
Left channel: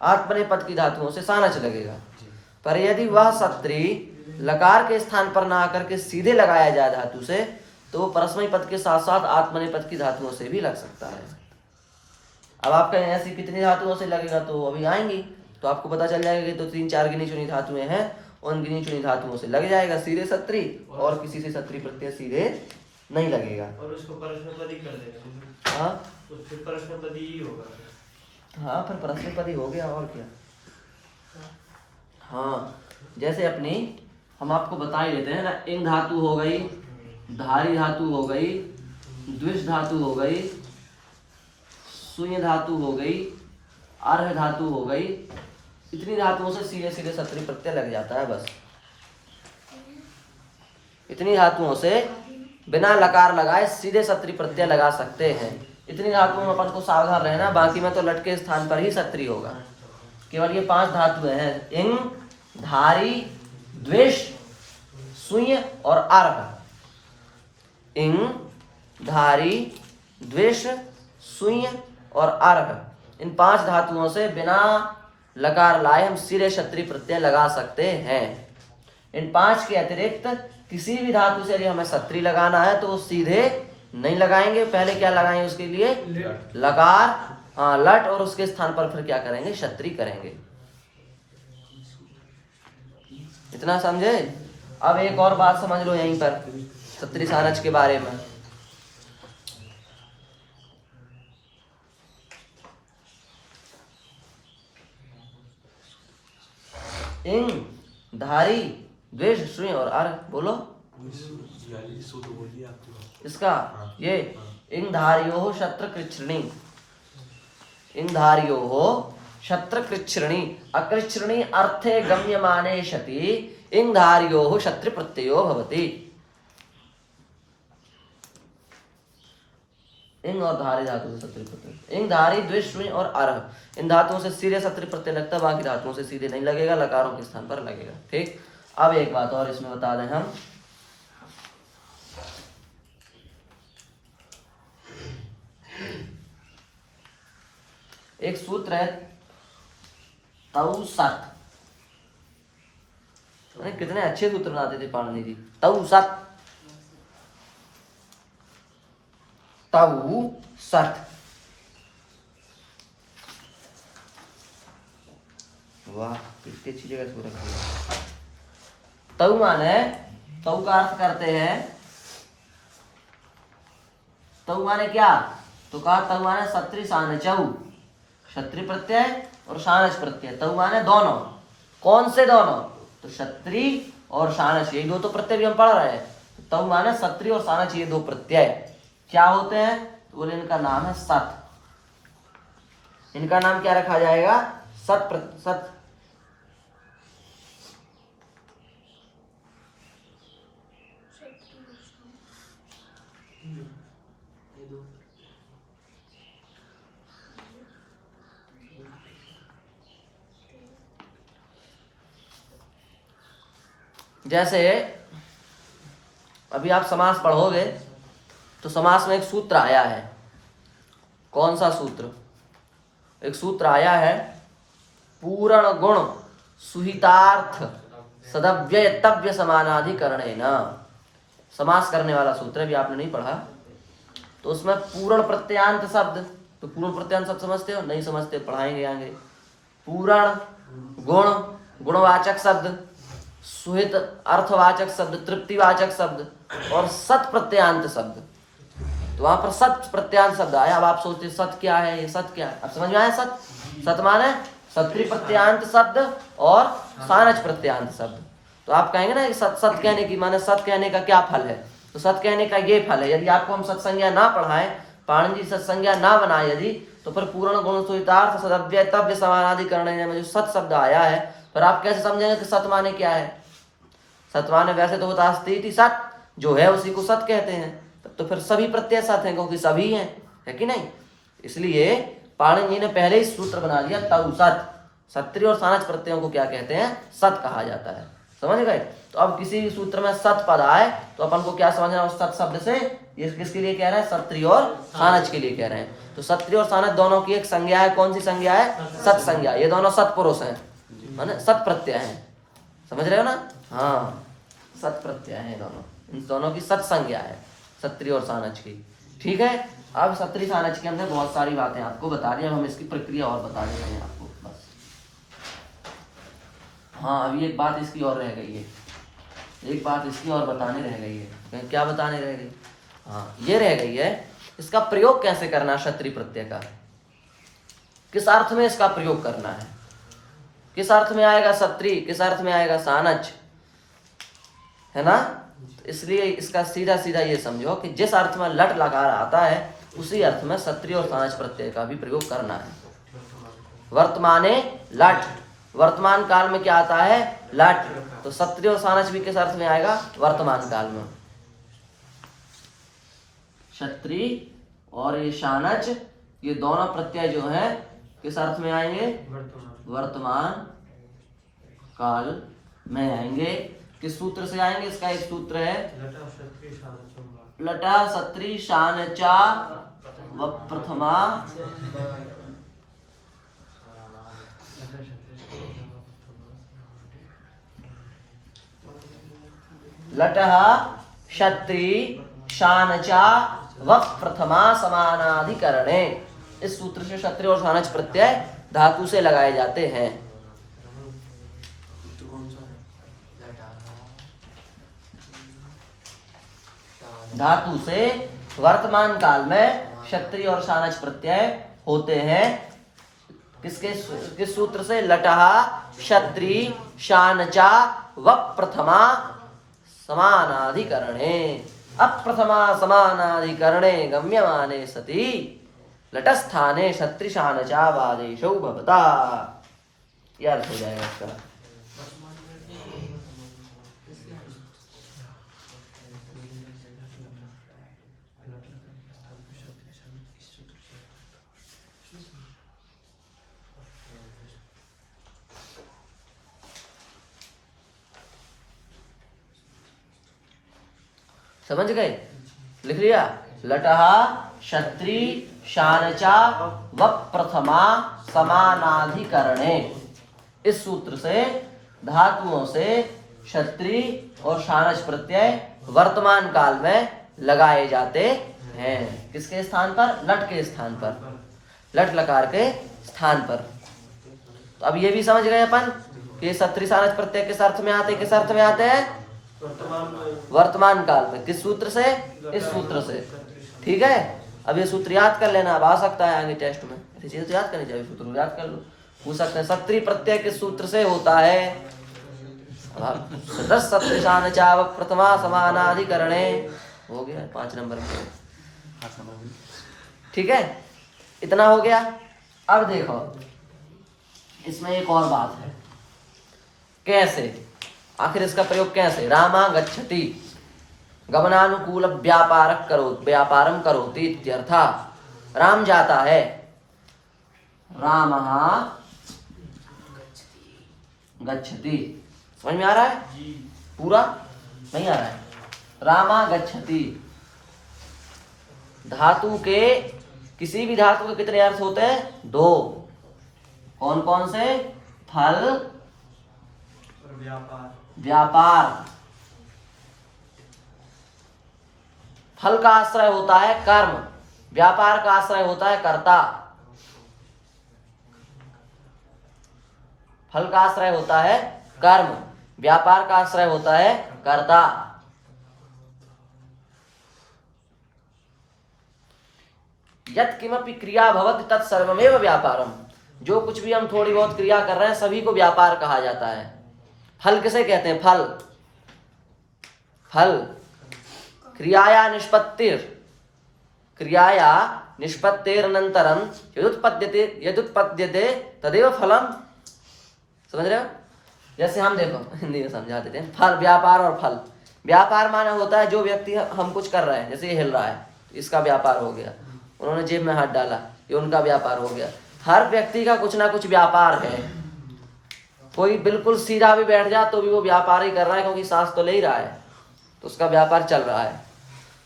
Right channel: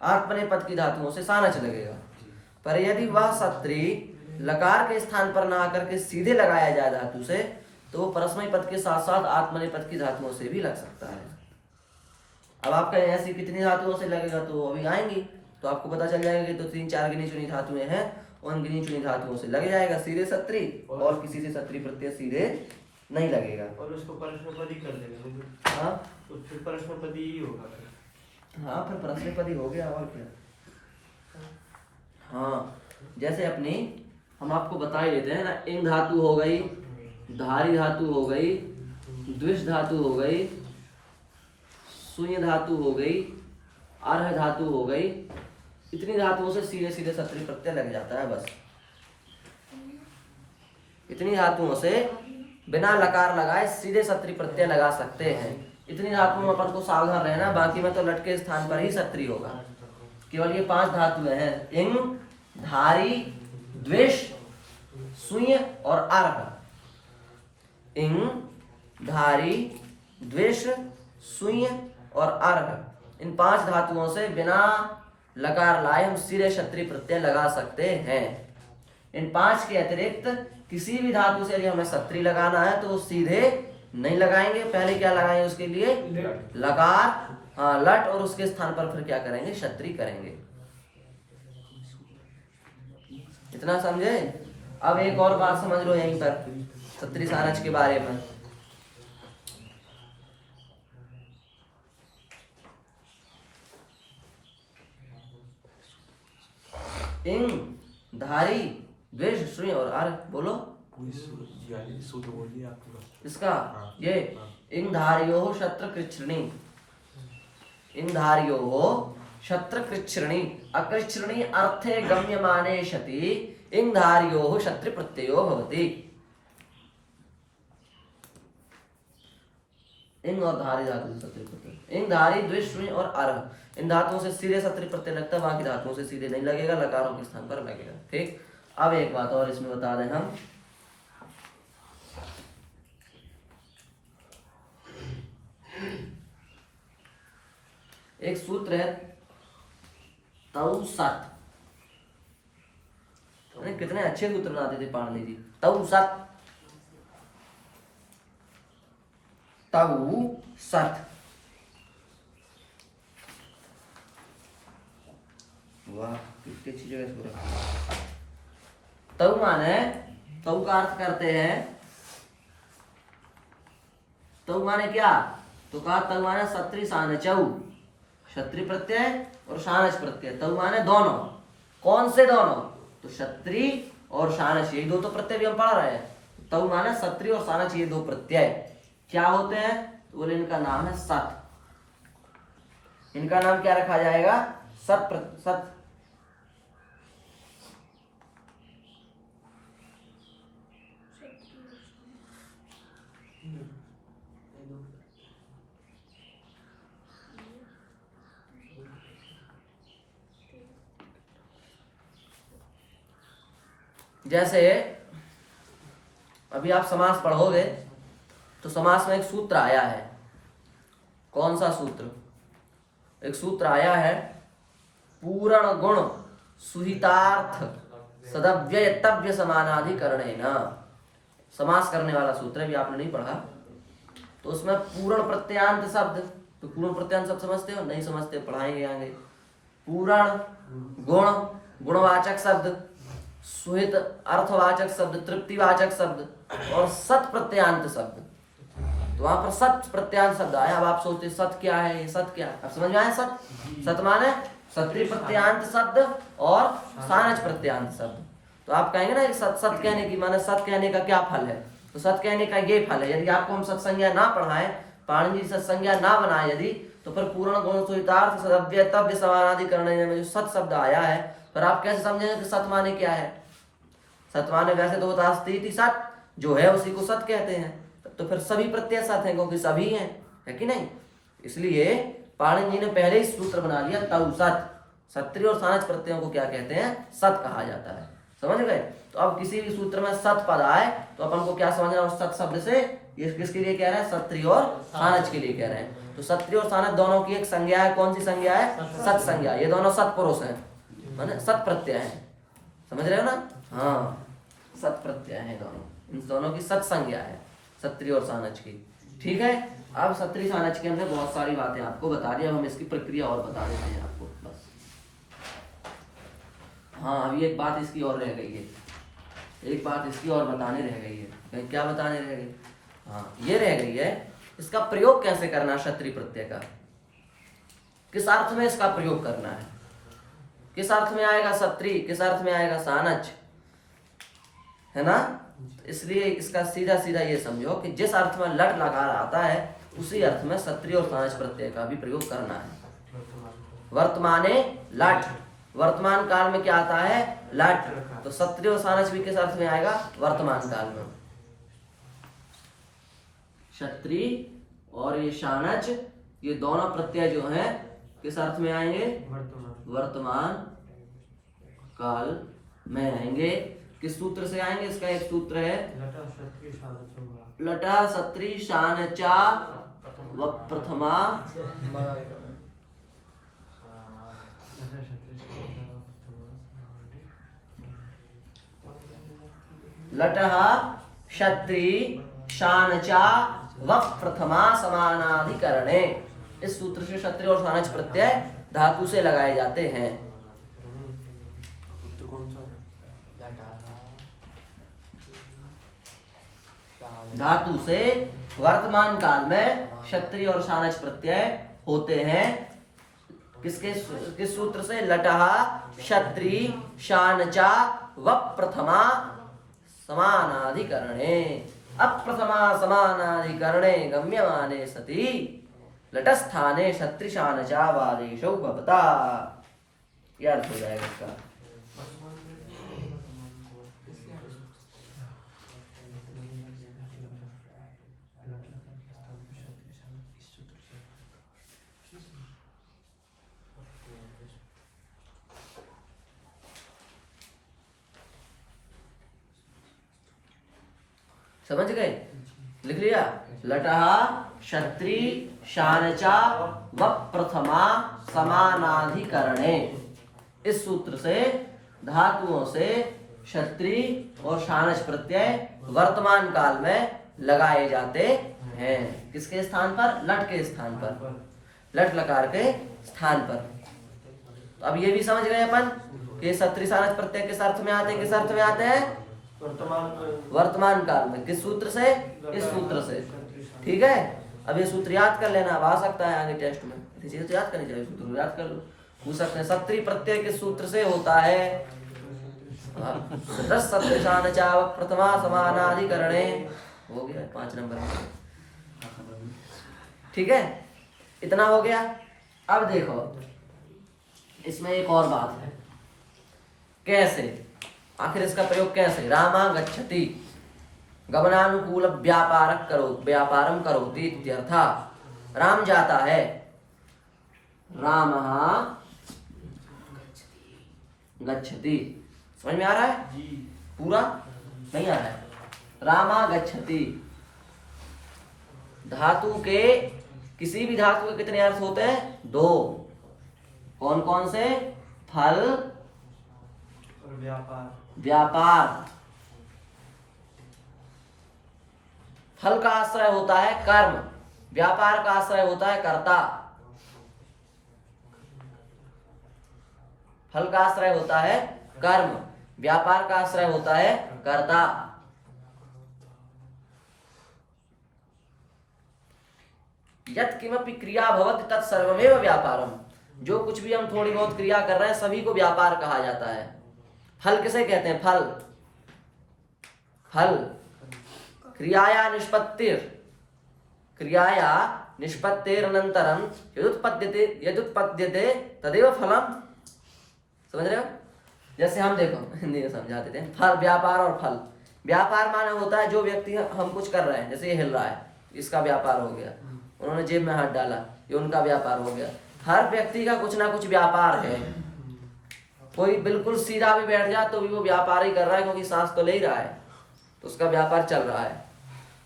आत्मनेपद की धातुओं से सानच लगेगा। पर यदि वह सत्री लकार के स्थान पर ना आकर के सीधे लगाया जाए धातु से तो वो परस्मैपद के साथ साथ आत्मनेपद की धातुओं से भी लग सकता है। अब आपका ऐसी कितनी धातुओं से लगेगा तो अभी आएंगी तो आपको पता चल जाएगा कि तो 3-4 गिनी चुनी धातुएं हैं, उन गिनी चुनी धातुओं से लग जाएगा सीधे सत्री, और किसी से सत्री प्रत्यय सीधे नहीं लगेगा। और उसको परस्मैपदी कर देंगे। हाँ तो फिर परस्मैपदी ही होगा। हाँ फिर परस्मैपदी हो गया और क्या। हाँ जैसे अपनी हम आपको बता ही देते हैं ना, इंग धातु हो गई, धारी धातु हो गई, द्विष धातु हो गई, शून्य धातु हो गई, अर्ह धातु हो गई, इतनी धातुओं से सीधे सीधे सत्री प्रत्यय लग जाता है। बस इतनी धातुओं से बिना लकार लगाए सीधे सत्री प्रत्यय लगा सकते हैं। इतनी धातुओं में अपन को सावधान रहना, बाकी में तो लट के स्थान पर ही सत्री होगा। केवल ये 5 धातुएं हैं, इंग, धारी, द्विष, शून्य और अर्ह। इंग, धारी, द्विष, शून्य और अर्ह, इन 5 धातुओं से बिना लकार लाए हम सीधे सत्री प्रत्यय लगा सकते हैं। इन 5 के अतिरिक्त किसी भी धातु से यदि हमें सत्री लगाना है तो वो सीधे नहीं लगाएंगे, पहले क्या लगाएंगे उसके लिए लकार, हाँ लट, और उसके स्थान पर फिर क्या करेंगे, सत्री करेंगे। इतना समझे? अब एक और बात समझ लो यहीं पर सत्री सानच के बारे में। इंग, धारी, द्वेष, शून्य और अर्ह, बोलो इसका। ये इंधार्यो शत्र कृच्छ्रणी, इंधार्यो शत्र कृच्छ्रणी, अकृच्छ्रणी अर्थे गम्यमाने शति इंधार्यो शत्रु प्रत्ययो भवति। इंग और धारी धातु से सत्री प्रत्यय, इंग, धारी, द्विष, शून्य और अर्ह, इन धातुओं से सीधे सत्री प्रत्यय लगता है, बाकी धातुओं से सीधे नहीं लगेगा, लकारों के स्थान पर लगेगा। ठीक। अब एक बात और इसमें बता दें हम, एक सूत्र है तऊ सत, कितने अच्छे सूत्र बनाते थे पाणिनि जी। तऊ सत, तऊ सत, वाह कितनी अच्छी जगह सूत्र। तऊ माने, तऊ का अर्थ करते हैं, तऊ माने क्या, तो कहा तऊ माने सत्री सानचऊ, क्षत्रि प्रत्यय और सानच प्रत्यय। तऊ माने दोनों, कौन से दोनों, तो क्षत्रि और सानच, ये 2 तो प्रत्यय भी हम पढ़ रहे हैं। तऊ माने सत्री और सानच, ये 2 प्रत्यय क्या होते हैं, तो बोले इनका नाम है सत। इनका नाम क्या रखा जाएगा, सत। जैसे अभी आप समास पढ़ोगे तो समास में एक सूत्र आया है। कौन सा सूत्र? एक सूत्र आया है, पूर्ण गुण सुहितार्थ सदव्ययतव्य समानाधिकरणेन। समास करने वाला सूत्र है, भी आपने नहीं पढ़ा। तो उसमें पूर्ण प्रत्यांत शब्द, तो पूर्ण प्रत्यांत शब्द समझते हो? नहीं समझते, पढ़ाएंगे आगे। पूर्ण गुण गुणवाचक शब्द, सुहित अर्थवाचक शब्द, तृप्तिवाचक शब्द और सत प्रत्यांत शब्द। तो वहां पर सत प्रत्यांत शब्द आया। अब आप सोचते सत क्या है, ये सत क्या है? अब समझ में आया? सत, सत माने सत्री प्रत्यांत शब्द और सानच प्रत्यांत शब्द। तो आप कहेंगे ना कि सत सत कहने की माने सत कहने का क्या फल है? तो सत कहने का ये फल है, यदि आपको हम सत्संज्ञा ना पढ़ाएं, पाणिनि जी सत्संज्ञा ना बनाए यदि, तो फिर पूर्ण गुण सुहितार्थ सदव्ययतव्य समानाधिकरण में जो सत शब्द आया है, फिर आप कैसे समझेंगे कि सत माने क्या है? सत माने वैसे तो होता अस्ति सत, जो है उसी को सत कहते हैं। तो फिर सभी प्रत्यय सत हैं, क्योंकि सभी हैं, है कि नहीं? इसलिए पाणिनि जी ने पहले ही सूत्र बना दिया, तउ सत। सत्री और सानच प्रत्ययों को क्या कहते हैं? सत कहा जाता है। समझ गए? तो अब किसी भी सूत्र में सत पद आए तो अपन को क्या समझना है? उस सत शब्द से ये किसके लिए कह रहे हैं? सत्री और सानच के लिए कह रहे हैं। तो सत्री और सानच दोनों की एक संज्ञा है। कौन सी संज्ञा है? सत संज्ञा। ये दोनों सत्पुरुष हैं, माने सत प्रत्यय हैं। समझ रहे हो ना? हाँ, सत प्रत्यय है दोनों, इन दोनों की सत संज्ञा है, सत्री और सानच की। ठीक है? अब सत्री सानच के हमने बहुत सारी बातें आपको बता दी, अब हम इसकी प्रक्रिया और बता देते हैं आपको बस। हाँ, अभी एक बात इसकी और रह गई है, एक बात इसकी और बताने रह गई है। क्या बताने रह गई? हाँ, ये रह गई है, इसका प्रयोग कैसे करना है? क्षत्रि प्रत्यय का किस अर्थ में इसका प्रयोग करना है? किस अर्थ में आएगा सत्री, किस अर्थ में आएगा सानच, है ना? इसलिए इसका सीधा सीधा ये समझो कि जिस अर्थ में लट लगा आता है उसी अर्थ में सत्री और सानच प्रत्यय का भी प्रयोग करना है। वर्तमाने लट, वर्तमान काल में क्या आता है? लट। तो सत्री और सानच भी किस अर्थ में आएगा? वर्तमान काल में। क्षत्रि और ये शानच, ये दोनों प्रत्यय जो है किस अर्थ में आएंगे? वर्तमान काल में आएंगे। किस सूत्र से आएंगे? इसका एक सूत्र है, लटा सत्री शानचा व प्रथमा लटः क्षत्रि शानचा व प्रथमा समानाधिकरणे। इस सूत्र से क्षत्रि और शानच प्रत्यय धातु से लगाए जाते हैं। धातु से वर्तमान काल में क्षत्रि और शानच प्रत्यय होते हैं। किस सूत्र से? लटः क्षत्रि शानचा व प्रथमा समानाधिकरणे। अप्रथमा समानाधिकरणे गम्यमाने सति लटस्थाने क्षत्रि शानचा वादेशौ भवता। यह अर्थ हो जाएगा इसका। समझ गए? लिख लिया? लटः क्षत्रि शानचा व प्रथमा समानाधिकरणे। इस सूत्र से धातुओं से क्षत्रि और शानच प्रत्यय वर्तमान काल में लगाए जाते हैं। किसके स्थान पर? लट के स्थान पर, लट लकार के स्थान पर। तो अब ये भी समझ गए अपन कि क्षत्रि शानच प्रत्यय किस अर्थ में आते? किस अर्थ में आते हैं? वर्तमान काल में। किस सूत्र से? इस सूत्र से। ठीक है? अब ये सूत्र याद कर लेना, अब आ सकता है आगे टेस्ट में, ऐसी चीजें तो याद करनी चाहिए। सूत्र याद कर लो, पूछ सकते हैं सत्री प्रत्यय किस सूत्र से होता है? सत्य शानचा व प्रथमा समानाधिकरणे। हो गया 5 नंबर में। ठीक है? इतना हो गया। अब देखो इसमें एक और बात है, कैसे आखिर इसका प्रयोग कैसे? रामा गच्छति गमनानुकूल व्यापारम करोति इत्यर्था। राम जाता है, रामः गच्छति। समझ में आ रहा है? पूरा नहीं आ रहा है। रामा गच्छति, धातु के किसी भी धातु के कितने अर्थ होते हैं? 2। कौन कौन से? फल, और व्यापार। व्यापार। फल का आश्रय होता है कर्म, व्यापार का आश्रय होता है कर्ता। फल का आश्रय होता है कर्म, व्यापार का आश्रय होता है कर्ता। यत् किमपि क्रिया भवति तत् सर्वमेव व्यापारम। जो कुछ भी हम थोड़ी बहुत क्रिया कर रहे हैं सभी को व्यापार कहा जाता है। फल किसे कहते हैं? फल, फल क्रियाया निष्पत्तिर, क्रियाया निष्पत्तिरनंतरम यदुत्पद्यते तदेव फलम। समझ रहे हो? जैसे हम देखो हिंदी में समझा देते हैं। फल, व्यापार और फल। व्यापार माने होता है जो व्यक्ति हम कुछ कर रहे हैं, जैसे ये हिल रहा है, इसका व्यापार हो गया। उन्होंने जेब में हाथ डाला, ये उनका व्यापार हो गया। हर व्यक्ति का कुछ ना कुछ व्यापार है। कोई बिल्कुल सीधा भी बैठ जाए तो भी वो व्यापार ही कर रहा है, क्योंकि सांस तो ले ही रहा है, तो उसका व्यापार चल रहा है।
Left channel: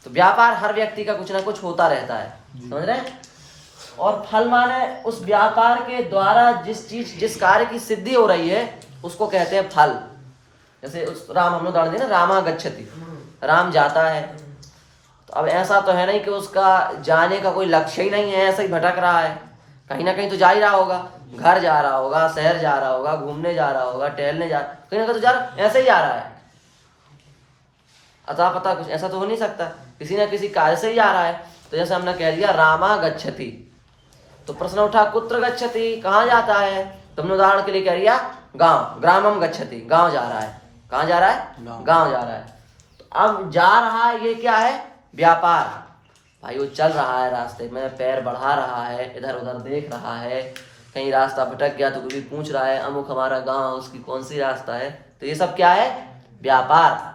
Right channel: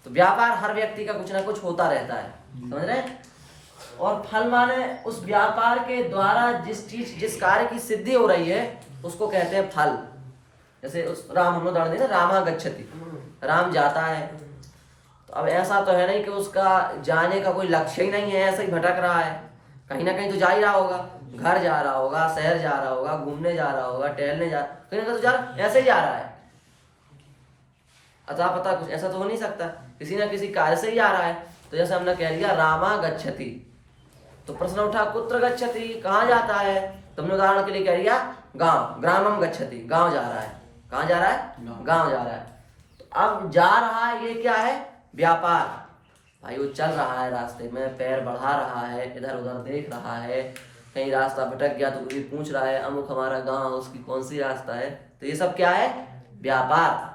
तो व्यापार हर व्यक्ति का कुछ ना कुछ होता रहता है। समझ रहे हैं? और फल माने उस व्यापार के द्वारा जिस कार्य की सिद्धि हो रही है उसको कहते हैं फल। जैसे उस राम, हम लोग दौड़ दें ना, रामा गच्छति, राम जाता है। तो अब ऐसा तो है नहीं कि उसका जाने का कोई लक्ष्य ही नहीं है, ऐसे ही भटक रहा है। कहीं ना कहीं तो जा ही रहा होगा, घर जा रहा होगा, शहर जा रहा होगा, घूमने जा रहा होगा, टहलने जा, कहीं ना कहीं तो जा रहा, ऐसे ही जा रहा है। अतः पता कुछ ऐसा तो हो नहीं सकता, किसी ना किसी कार्य से ही जा रहा है। तो जैसे हमने कह दिया रामा गच्छति, तो प्रश्न उठा कुत्र गच्छति, कहाँ जाता है? तो हमने उदाहरण के लिए कह दिया गांव, ग्रामम गच्छति, गांव जा रहा है। कहाँ जा रहा है? गांव जा रहा है। तो अब जा रहा है, ये क्या है? व्यापार। भाई वो चल रहा है, रास्ते में पैर बढ़ा रहा है, इधर उधर देख रहा है, कहीं रास्ता भटक गया तो कोई पूछ रहा है अमुक हमारा गांव, उसकी कौन सी रास्ता है। तो ये सब क्या है? व्यापार।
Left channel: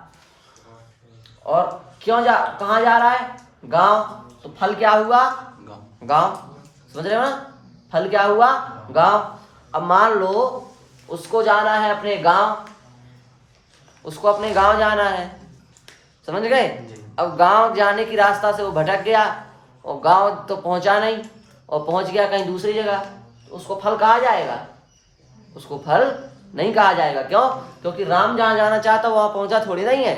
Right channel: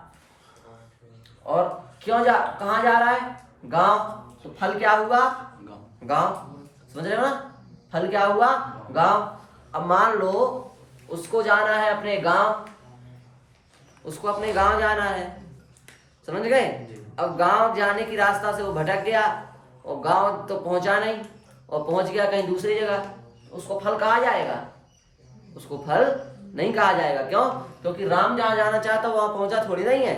और क्यों कहाँ जा रहा है? गांव। तो फल क्या हुआ? गांव। समझ रहे हो ना? फल क्या हुआ? गांव। अब मान लो उसको जाना है अपने गांव, उसको अपने गांव जाना है, समझ गए? अब गांव जाने की रास्ता से वो भटक गया और गांव तो पहुंचा नहीं, और पहुंच गया कहीं दूसरी जगह, तो उसको फल कहा जाएगा? उसको फल नहीं कहा जाएगा। क्यों? क्योंकि राम जहाँ जाना चाहता वहां पहुंचा थोड़ी नहीं है,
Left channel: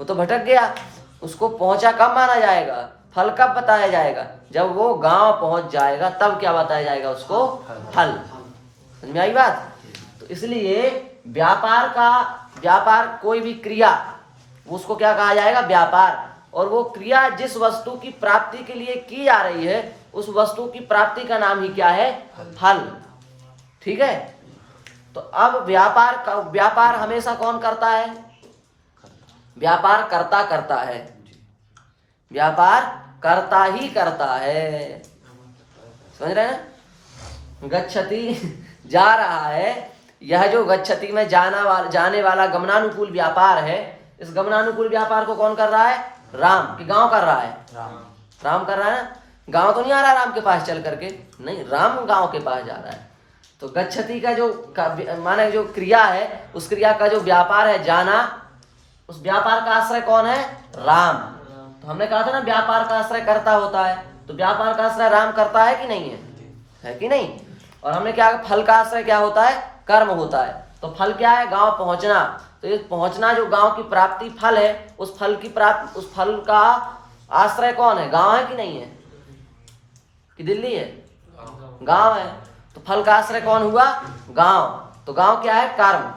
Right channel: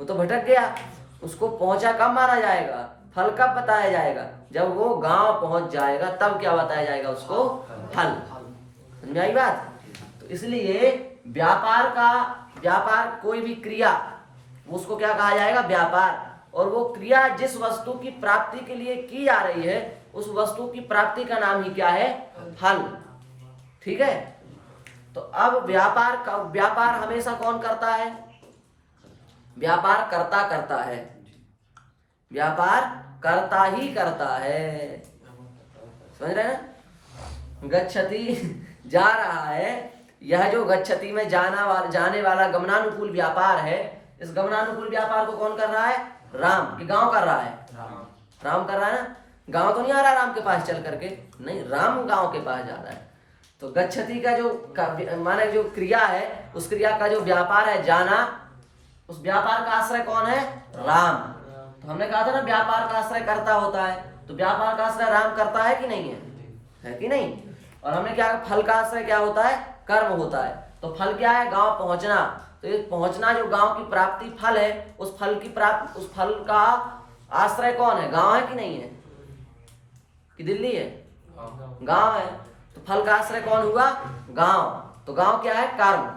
वो तो भटक गया। उसको पहुंचा कब माना जाएगा? फल कब बताया जाएगा? जब वो गांव पहुंच जाएगा तब क्या बताया जाएगा उसको? फल। समझ में आई बात? तो इसलिए व्यापार कोई भी क्रिया, उसको क्या कहा जाएगा? व्यापार। और वो क्रिया जिस वस्तु की प्राप्ति के लिए की जा रही है उस वस्तु की प्राप्ति का नाम ही क्या है? फल। ठीक है? तो अब व्यापार हमेशा कौन करता है? व्यापार कर्ता करता है, व्यापार कर्ता ही करता है। समझ रहे हैं? गच्छति जा रहा है, यह जो गच्छति में जाने वाला गमनानुकूल व्यापार है, इस गमनानुकूल व्यापार को कौन कर रहा है? राम। कि गांव कर रहा है? राम कर रहा है ना? गांव तो नहीं आ रहा राम के पास चल करके, नहीं, राम गांव के पास जा रहा है। तो गच्छति का जो माना जो क्रिया है, उस क्रिया का जो व्यापार है जाना, उस व्यापार का आश्रय कौन है? राम। तो हमने कहा था ना व्यापार का आश्रय कर्ता होता है, तो व्यापार का आश्रय राम करता है कि नहीं है कि नहीं? और हमने क्या, फल का आश्रय क्या होता है? कर्म होता है। तो फल क्या है? गांव पहुंचना। तो ये पहुंचना जो गांव की प्राप्ति फल है, उस फल का आश्रय कौन है? गांव है कि नहीं है? कि दिल्ली है? गांव है। तो फल का आश्रय कौन हुआ? गांव। तो गांव क्या है? कर्म।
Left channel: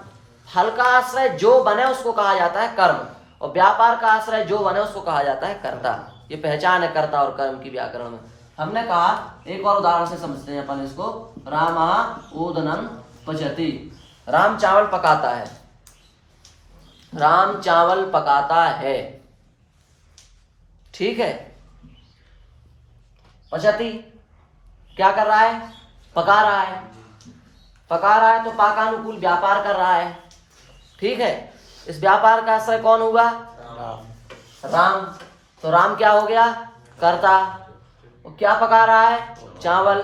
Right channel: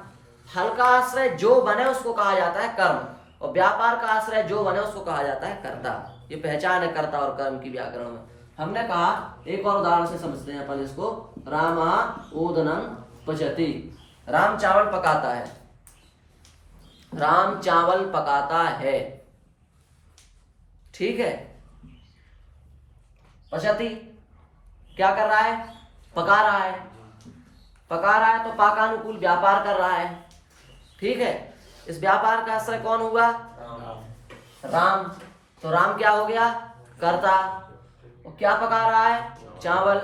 फल का आश्रय जो बने उसको कहा जाता है कर्म, और व्यापार का आश्रय जो बने उसको कहा जाता है कर्ता। ये पहचान है कर्ता और कर्म की व्याकरण में। हमने कहा एक और उदाहरण से समझते हैं अपन इसको। रामा ओदनम पचति, राम चावल पकाता है, राम चावल पकाता है। ठीक है? पचति क्या कर रहा है? पका रहा है। पका रहा है तो पाकानुकूल व्यापार कर रहा है। ठीक है? इस व्यापार का आश्रय कौन हुआ? राम। तो राम क्या हो गया? कर्ता। और क्या पका रहा है? चावल।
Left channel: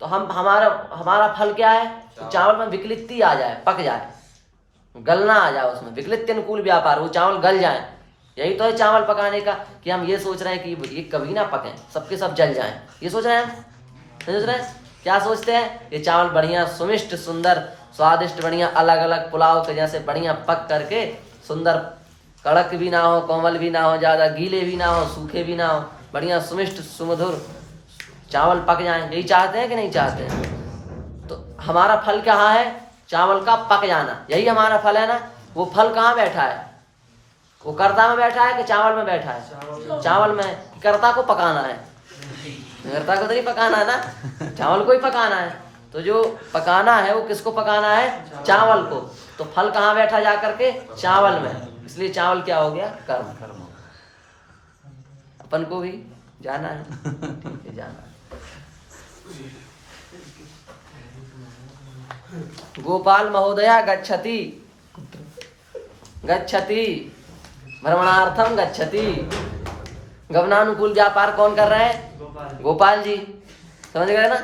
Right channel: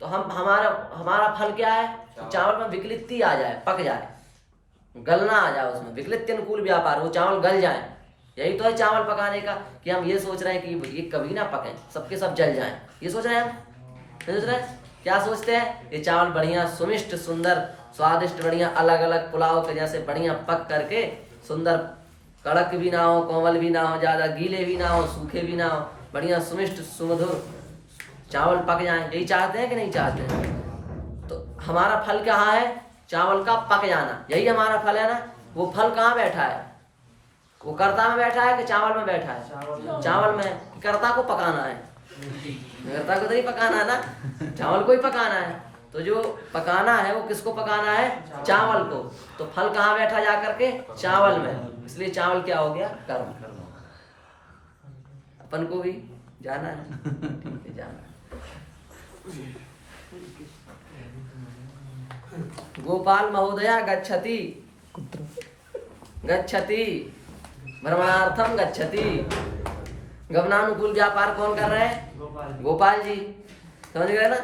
तो हमारा फल क्या है? तो चावल में विकलिप्ति आ जाए, पक जाए, गलना आ जाए उसमें, विकलित अनुकूल व्यापार, वो चावल गल जाए। यही तो है चावल पकाने का, कि हम ये सोच रहे हैं कि ये कभी ना पके, सबके सब जल जाएं, ये सोच रहे हैं हम, सोच रहे हैं क्या सोचते हैं, ये चावल बढ़िया सुमिष्ट सुंदर स्वादिष्ट बढ़िया अलग अलग पुलाव के जैसे बढ़िया पक करके सुंदर, कड़क भी ना हो, कोमल भी ना हो, ज्यादा गीले भी ना हो, सूखे भी ना हो, बढ़िया सुमिष्ट सुमधुर चावल पक जाए। यही चाहते हैं कि नहीं चाहते हैं? तो हमारा फल कहाँ है? चावल का पक जाना, यही हमारा फल है ना। वो फल कहाँ बैठा है? वो कर्ता में बैठा है कि चावल में बैठा है? चावल में। कर्ता को पकाना है, कर्ता को तो नहीं पकाना है ना, चावल को ही पकाना है। तो जो पकाना है वो किसको पकाना है? चावल को। तो फल कहाँ बैठा जा करके? चावल में। इसलिए चावल क्या हो गया? कर्म। कर्म अपन को भी जाना है, ठीक है जाना। गोपाल महोदया गच्छति, गच्छति भ्रमणार्थम गच्छति। गमनानुकूल व्यापार कौन कर रहे हैं? गोपाल जी। समझ गए ना?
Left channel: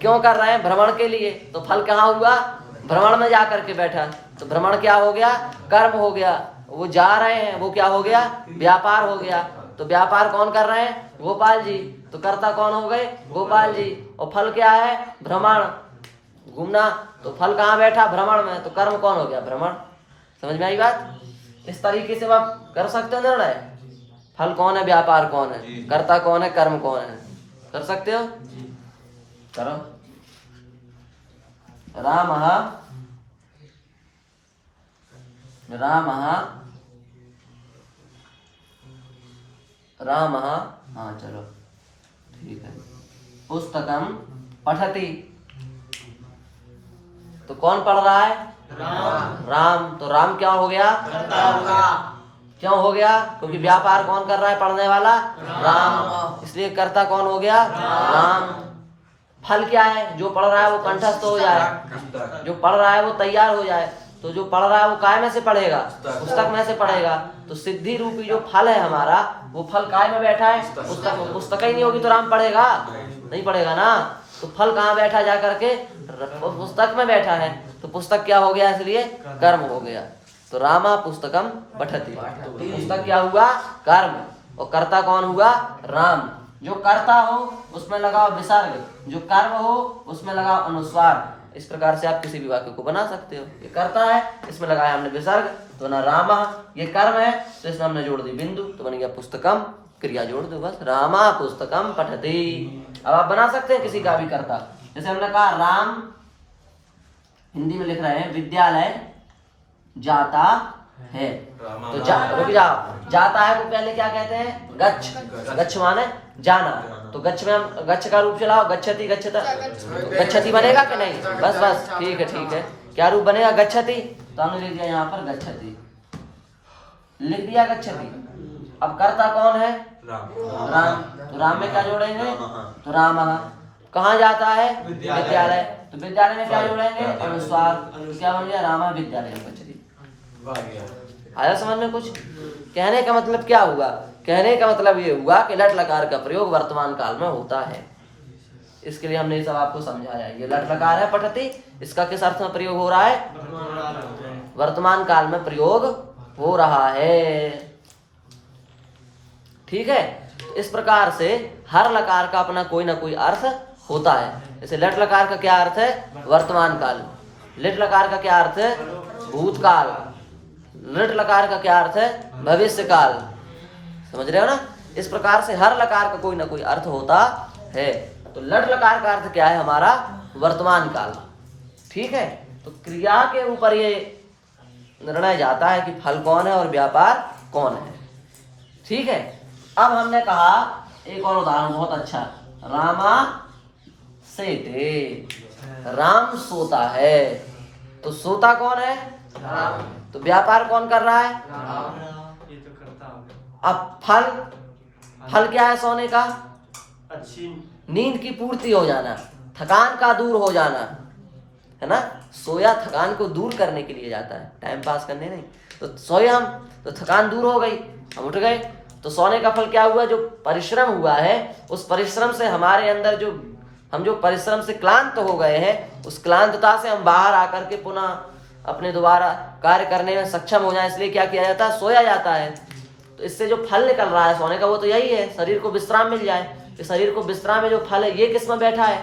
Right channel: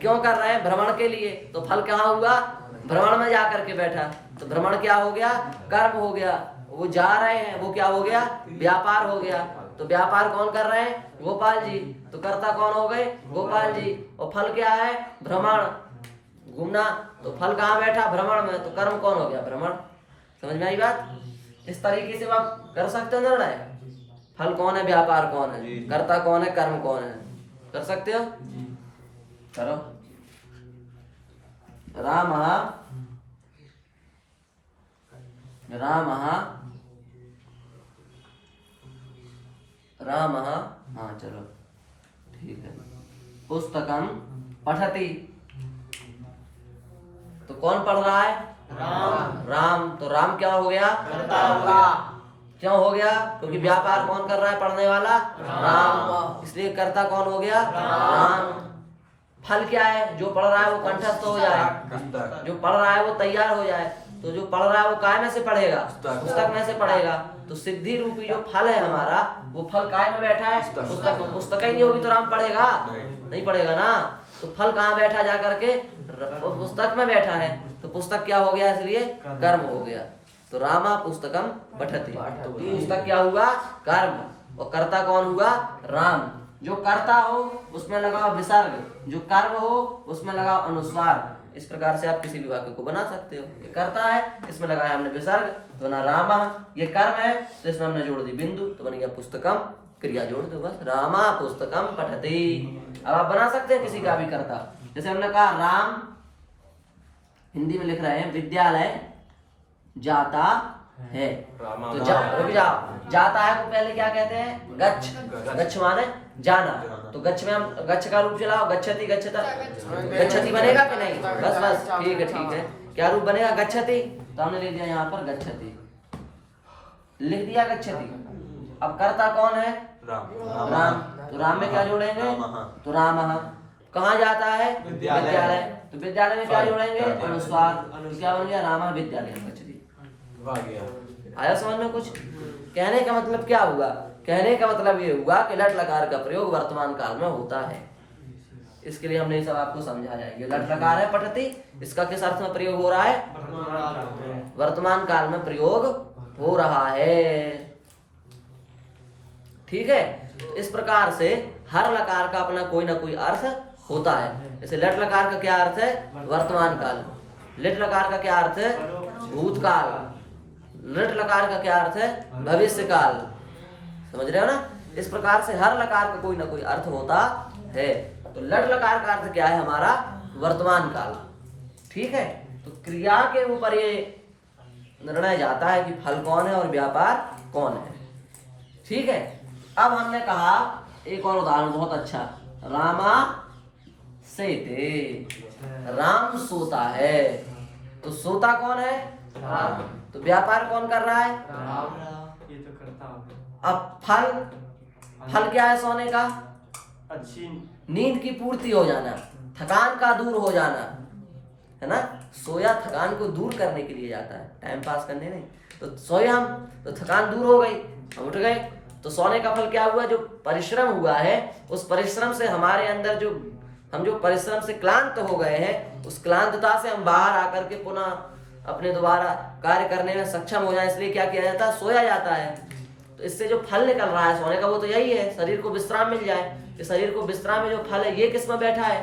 क्यों कर रहे हैं? भ्रमण के लिए। तो फल कहाँ हुआ? भ्रमण में जा करके बैठा। तो भ्रमण क्या हो गया? कर्म हो गया। वो जा रहे हैं, वो क्या हो गया? व्यापार हो गया। तो व्यापार कौन कर रहे हैं? गोपाल जी। तो कर्ता कौन हो गए? गोपाल जी। और फल क्या है? भ्रमण, घूमना। तो फल कहाँ बैठा? भ्रमण में। तो कर्म कौन हो गया? भ्रमण। समझ में आई बात? इस तरीके से आप कर सकते हो निर्णय, फल कौन है, व्यापार कौन है, कर्ता कौन है, कर्म कौन है, कर सकते हो? करो। रामः हाँ चलो ठीक है। पुस्तकम पठति। तो कौन पढ़ रहा है? राम। तो राम क्या हो गया? क्यों हो गया? क्योंकि व्यापार कौन कर रहा है? पढ़ने वाला राम। इसलिए कर्ता कौन हो गया? राम। फल क्या है? जो पढ़ रहा है वो कंठस्थ हो जाए, जो पढ़ रहा है वो तैयार हो जाए। तो जो पढ़ रहा है वो काय में से पढ़ेगा? पुस्तक में से पढ़ेगा। तो सिद्धि रूपी जो फल है हमारा, वो फल काय में बैठा है? पुस्तक में। पुस्तक ही नहीं होगी तो राम पढ़ेगा? नहीं पढ़ेगा ना। तो फल कहाँ बैठा जा करके? पुस्तक में बैठा है। तो पुस्तक क्या हो गया? इसलिए कर्म हो गया। तो रामा पुस्तकम पठति। तो पुस्तक क्या हुआ? कर्म। और कर्ता कौन हुआ? राम। जो कर्ता हो उसमें लगाओ विसर्ग, जो कर्म हो उसमें लगाओ अनुस्वार। इस प्रकार से आप किसी भी वाक्य को बना सकते हो। ये कर्ता है, इसमें लगाया हमने विसर्ग, तो ना रामा। ये कर्म है तो इसमें हमने जोड़ दी बिंदु, तो बन गया पुस्तकम, क्रिया जोड़ दो बस, रामा पुस्तकम पठति। अब आप बना सकते हैं किसी का भी कर्ता। जैसे हमने कहा राम, हिंदी में लिख रहे हैं विद्यालय जाता है। तो रुक जाओ, जाता है को पहले क्या कहते हैं? गच्छ। गच्छ माने जाना। तो गच्छ में हम गच्छ का रूप चलाओ, गच्छति गच्छता, गच्छति बनेगा कि नहीं? बस बस ठीक है। क्या रूप बनेगा? गच्छति। तो हमने लिख दिया यहाँ पर गच्छति, लिख दिया गच्छति। अब कर्ता कौन है? राम। तो राम में क्या जोड़ेंगे? तो रामः। कहाँ जाता है? विद्यालय। तो विद्यालय में क्या जोड़ेंगे? अनुस्वार। तो क्या बन गया? रामः विद्यालय गच्छति। आया समझ में कुछ? कहने का मतलब क्या हुआ? कहने का मतलब ये हुआ कि लट लकार का प्रयोग वर्तमान काल में होता है। इसके लिए हमने ये सब आपको समझाया। ये लट लकार है पठति, इसका किस अर्थ में प्रयोग हो रहा है? वर्तमान काल में प्रयोग हो रहा है। ठीक है। तो इस प्रकार से हर लकार का अपना कोई ना कोई अर्थ होता है। जैसे लट लकार का क्या अर्थ है? वर्तमान काल। लिट लकार का क्या अर्थ है? भूतकाल। लिट लकार का क्या अर्थ है? भविष्य काल। समझ रहे हो ना? इस प्रकार से हर लकार का कोई ना कोई अर्थ होता है। तो लट लकार का अर्थ क्या है हमारा? वर्तमान काल। ठीक है। तो क्रिया के ऊपर ये निर्णय जाता है कि फल कौन है और व्यापार कौन है। ठीक है। अब हमने कहा एक और उदाहरण बहुत अच्छा, रामा सेते। राम सोता है। तो सोता कौन है? राम। तो व्यापार कौन कर रहा है? ये तो करता हूँ। अब फल क्या है सोने का? अच्छी नींद की पूर्ति हो जाना, थकान का दूर हो जाना, है ना? सोया थकान को दूर करने के लिए जाता है, टाइम पास करने नहीं। तो सोए हम, तो थकान दूर हो गई, हम उठ गए। तो सोने का फल क्या हुआ? जो परिश्रम हुआ है, उस परिश्रम से हमारे अंदर हम जो परिश्रम से क्लांत हो गए हैं, उस क्लांतता से हम बाहर आकर के पुनः अपने दोबारा कार्य करने में सक्षम हो जाए, इसलिए क्या किया जाता है, सोया जाता है। तो इससे जो फल निकल रहा है सोने का वो तो यही है, शरीर को विश्राम मिल जाए। तो शरीर को विश्राम में जो फल है ये किस में बैठा है,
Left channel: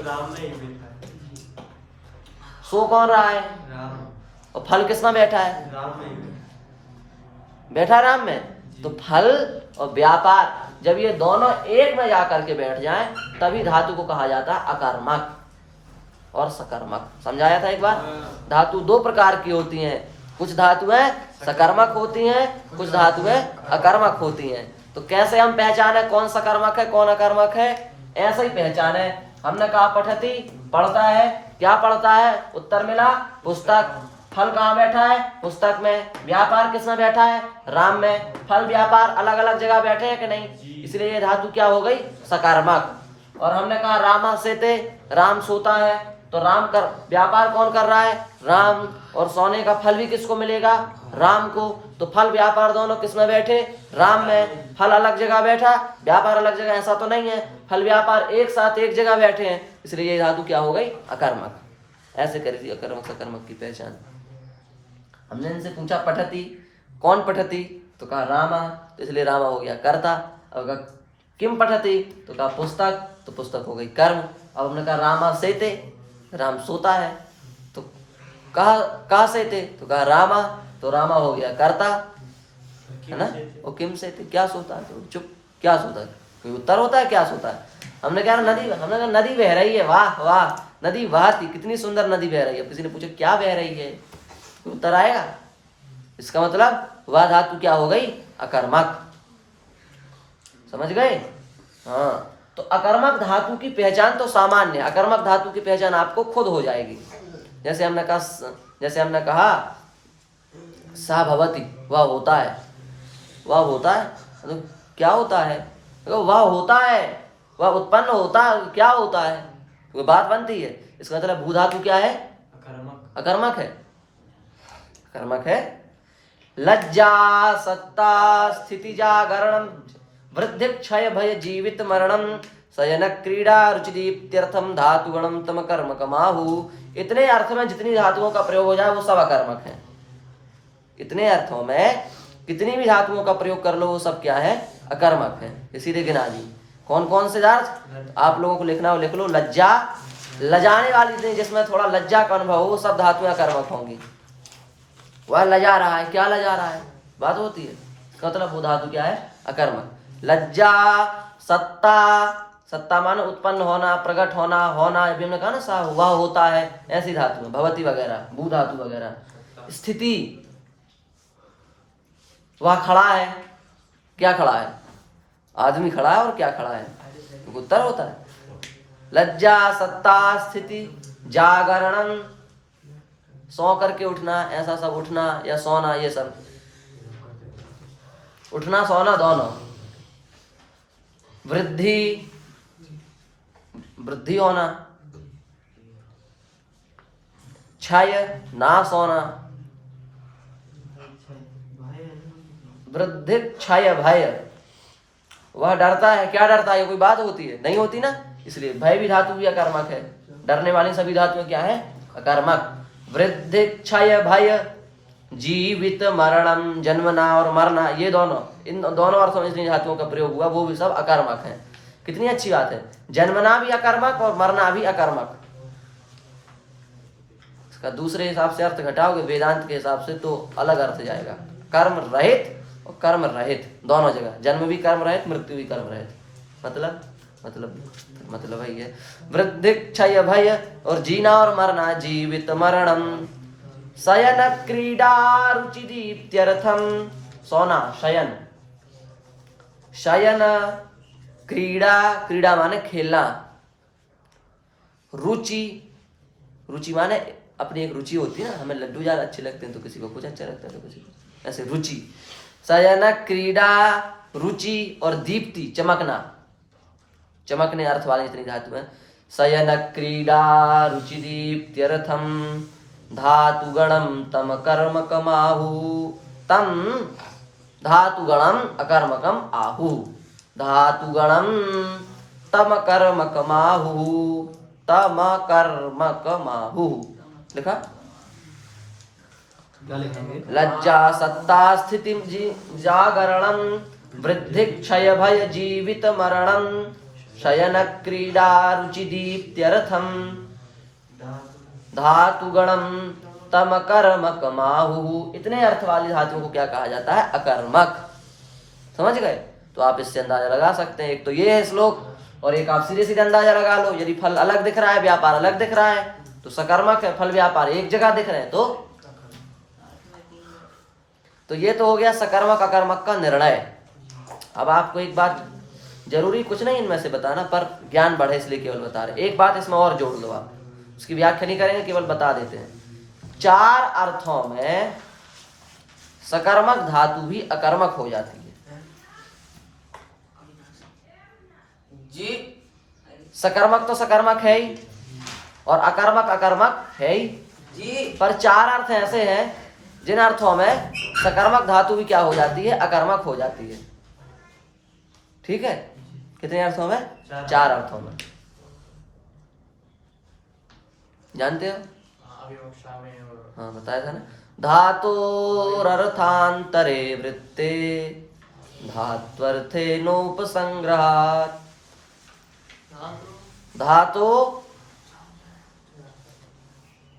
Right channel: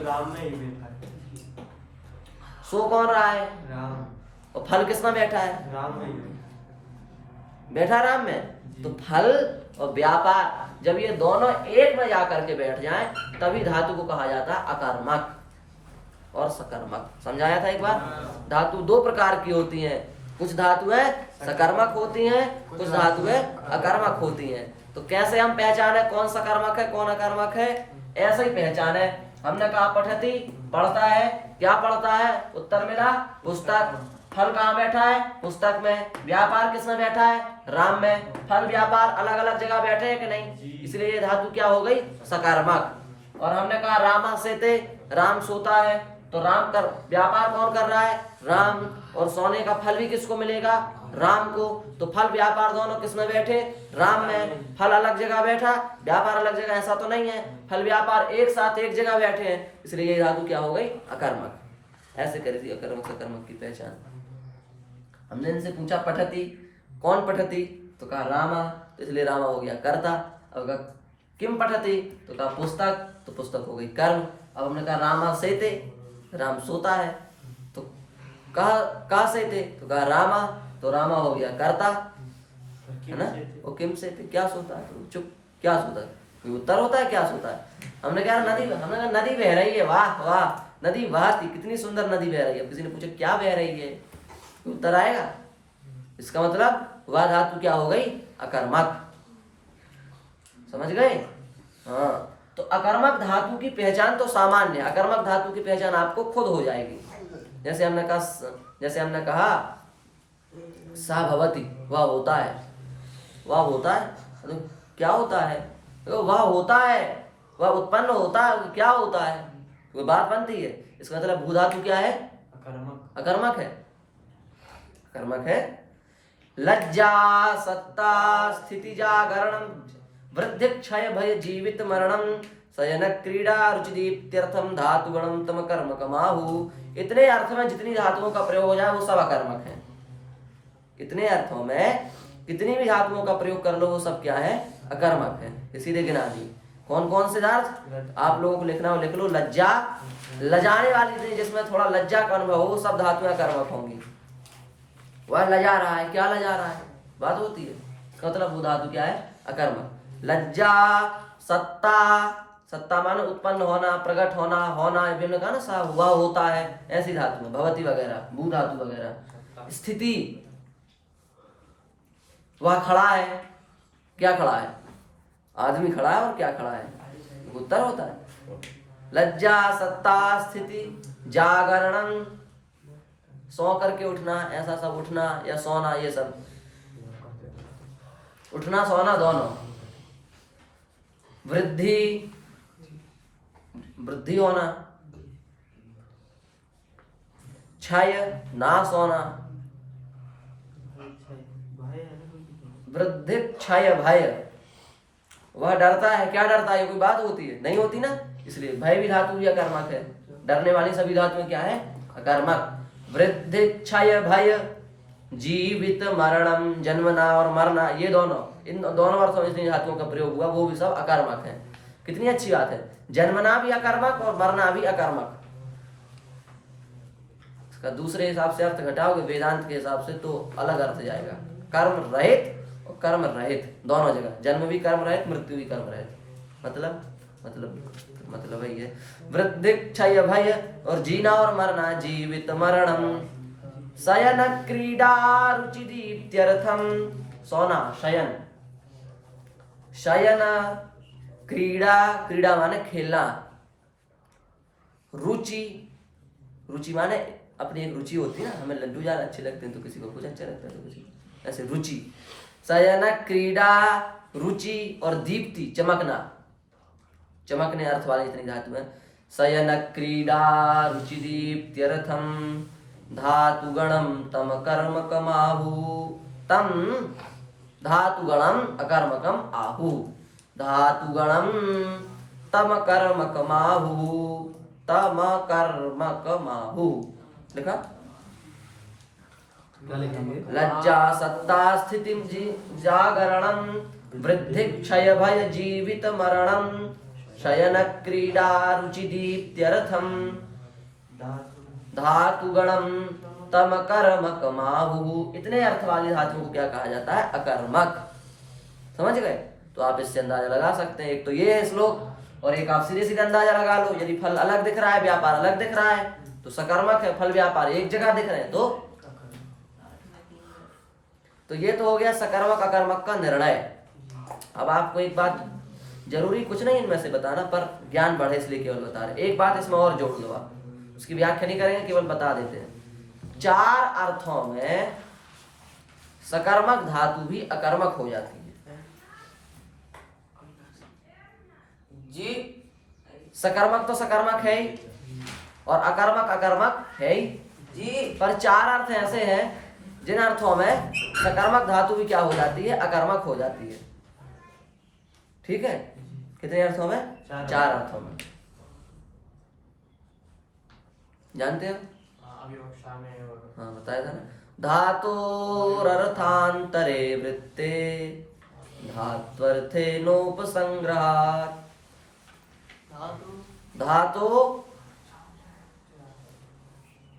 राम में ही बैठा है। सो कौन रहा है, राम और फल किस में बैठा है, राम में ही बैठा राम में। तो फल और व्यापार जब ये दोनों एक में जाकर के बैठ जाएं तभी धातु को कहा जाता है अकर्मक और सकर्मक। समझाया था एक बार। धातु दो प्रकार की होती हैं, कुछ धातुएं सकर्मक होती हैं, कुछ धातुएं अकर्मक होती हैं। तो कैसे हम पहचाने कौन सकर्मक है कौन अकर्मक है, ऐसे ही पहचाने। हमने कहा पठती, पढ़ता है, क्या पढ़ता है, उत्तर मिला पुस्तक। फल कहाँ बैठा है, पुस्तक में। व्यापार किस में बैठा है, राम में। फल व्यापार अलग अलग जगह बैठे हैं कि नहीं, इसलिए ये धातु क्या हो गई, सकर्मक। और हमने कहा रामा सेते, राम सोता है, तो राम कर व्यापार कौन कर रहा है, राम। और सोने का फल भी किसको मिलेगा, राम को। तो फल व्यापार दोनों किस में बैठे, राम में। फल अलग जगह बैठा, व्यापार अलग जगह, ऐसा तो नहीं है। फल व्यापार एक साथ एक जगह बैठे हैं, इसलिए ये धातु क्या हो गई, अकर्मक। ऐसे कर दी अकर्मक सकर्मक की पहचान। हमने इनसे पूछा पठती, कौन पठती, तो कहा रामा, तो इसलिए रामा हो गया कर्ता। अब कहा किम पठती, तो कहा पुस्तक, तो पुस्तक हो गई कर्म। अब हमने कहा रामा सेते, राम सोता है, तो कहा सेते, तो कहा रामा, तो रामा हो गया कर्ता, है ना। वो किम सेते, क्या सोता है, तो चुप, क्या सोता है, कोई उत्तर होता है, क्या सोता है। हमने कहा नदी, हमने कहा नदी बह रही है, वाह वाह नदी बहती, कितनी सुंदर नदी बह रही है। किसी ने पूछा क्या बह रही है, उत्तर आएगा। इसका मतलब वह धातु क्या हो गई, अकर्मक। समझ गए। हाँ, तो अकर्मक धातु की पहचान तो सामान्य, अकर्मक धातु की पहचान आपको खुद हो जाएगी। जैसे हमने कहा सा भवति, वह होता है, वह होता है, तो क्या होता है, तो वह होता है, वह उत्पन्न होता है, क्या होता है, कोई बात बनती है। इसका मतलब भू धातु क्या है, अकर्मक है, कर्मक है। लज्जा सत्ता स्थिति जागरणम वृद्धि क्षय भय जीवित मरणम शयन क्रीड़ा रुचि दीप्त्यर्थम धातु गणम तम कर्मक माहु। इतने अर्थ में जितनी धातुओं का प्रयोग हो जाए वो सब अकर्मक है। इतने अर्थों में कितनी भी धातुओं का प्रयोग कर लो वो सब क्या है, अकर्मक है। इसीलिए गिना दी कौन कौन से अर्थ आप लोगों को लिखना हो लिख लो। लज्जा, लजाने वाली जिसमें थोड़ा लज्जा का अनुभव हो वो सब धातुएं अकर्मक होंगी। वह लजा रहा है, क्या लजा रहा है, बात होती है, मतलब वो धातु क्या है, अकर्मक। लज्जा सत्ता, सत्ता माने उत्पन्न होना, प्रकट होना, होना अभी हमने कहा ना सा हुआ होता है, ऐसी धातु भवती वगैरह, भू धातु वगैरह। स्थिति, वह खड़ा है, क्या खड़ा है, आदमी खड़ा है और क्या खड़ा है, उत्तर होता है। लज्जा सत्ता स्थिति जागरणम, सो करके उठना, ऐसा सब उठना या सोना, ये सब उठना सोना दोनों। वृद्धि, वृद्धि होना। क्षय, नाश होना। वृद्धि क्षय भय, वह डरता है, क्या डरता है, कोई बात होती है, नहीं होती ना, इसलिए भय भी धातु भी अकर्मक है। डरने वाली सभी धातुएं क्या है, अकर्मक। वृद्धि क्षय भय जीवित मरणम, जन्मना और मरना, ये दोनों, इन दोनों अर्थों में जिन धातुओं का प्रयोग हुआ वो भी सब अकर्मक है। कितनी अच्छी बात है, जन्मना भी अकर्मक और मरना भी अकर्मक। इसका दूसरे हिसाब से अर्थ घटाओगे वेदांत के हिसाब से तो अलग अर्थ जाएगा, कर्म रहित और कर्म रहित दोनों जगह, जन्म भी कर्म रहित, मृत्यु भी कर्म रहित। मतलब वही है। वृद्धि क्षय भय और जीना और मरना, जीवित मरणम। शयन क्रीड़ा रुचि दीप्त्यर्थम, सोना शयन, शयन क्रीड़ा, क्रीड़ा माने खेलना। रुचि, रुचि माने अपनी एक रुचि होती है ना, हमें लड्डू ज्यादा अच्छे लगते हैं तो किसी को कुछ अच्छा लगता है तो किसी को ऐसे रुचि। शयन क्रीड़ा रुचि और दीप्ति चमकना, चमकने अर्थ वाले इतनी धातु है। शयन क्रीड़ा रुचि दीप्त्यर्थम धातु गणम तम कर्मकम आहु, तम धातु गणम अकर्मकम आहु, धातु गणम तम कर्मकम आहु, तम कर्मकम आहु। लिखा क्या लिखेंगे? लज्जा सत्ता स्थिति जागरणं वृद्धि क्षय भय जीवित मरणं शयन क्रीडा रुचि दीप्त्यर्थम धातुगणम तम अकर्मक माहु। इतने अर्थ वाले धातुओं को क्या कहा जाता है? अकर्मक। समझ गए? तो आप इससे अंदाजा लगा सकते हैं। एक तो ये है श्लोक, और एक आप सीधे सीधे अंदाजा लगा लो। यदि फल अलग दिख रहा है, व्यापार अलग दिख रहा है, तो सकर्मक है। फल व्यापार एक जगह दिख रहे हैं तो ये तो हो गया सकर्मक अकर्मक का निर्णय। अब आपको एक बात, जरूरी कुछ नहीं इनमें से बताना, पर ज्ञान बढ़े इसलिए केवल बता रहे। एक बात इसमें और जोड़ लो, आप उसकी व्याख्या नहीं करेंगे, केवल बता देते हैं। 4 अर्थों में सकर्मक धातु भी अकर्मक हो जाती है जी। सकर्मक तो सकर्मक है ही, और अकर्मक अकर्मक है ही जी। पर 4 अर्थ ऐसे हैं जिन अर्थों में सकर्मक धातु भी क्या हो जाती है? अकर्मक हो जाती है। ठीक है? कितने अर्थों में? 4 अर्थों में। जानते हो? अभिवक्षा में और हाँ, बताया था ना। धातोरर्थांतरे वृत्ते धात्वर्थे नोपसंग्रहात्। धातु,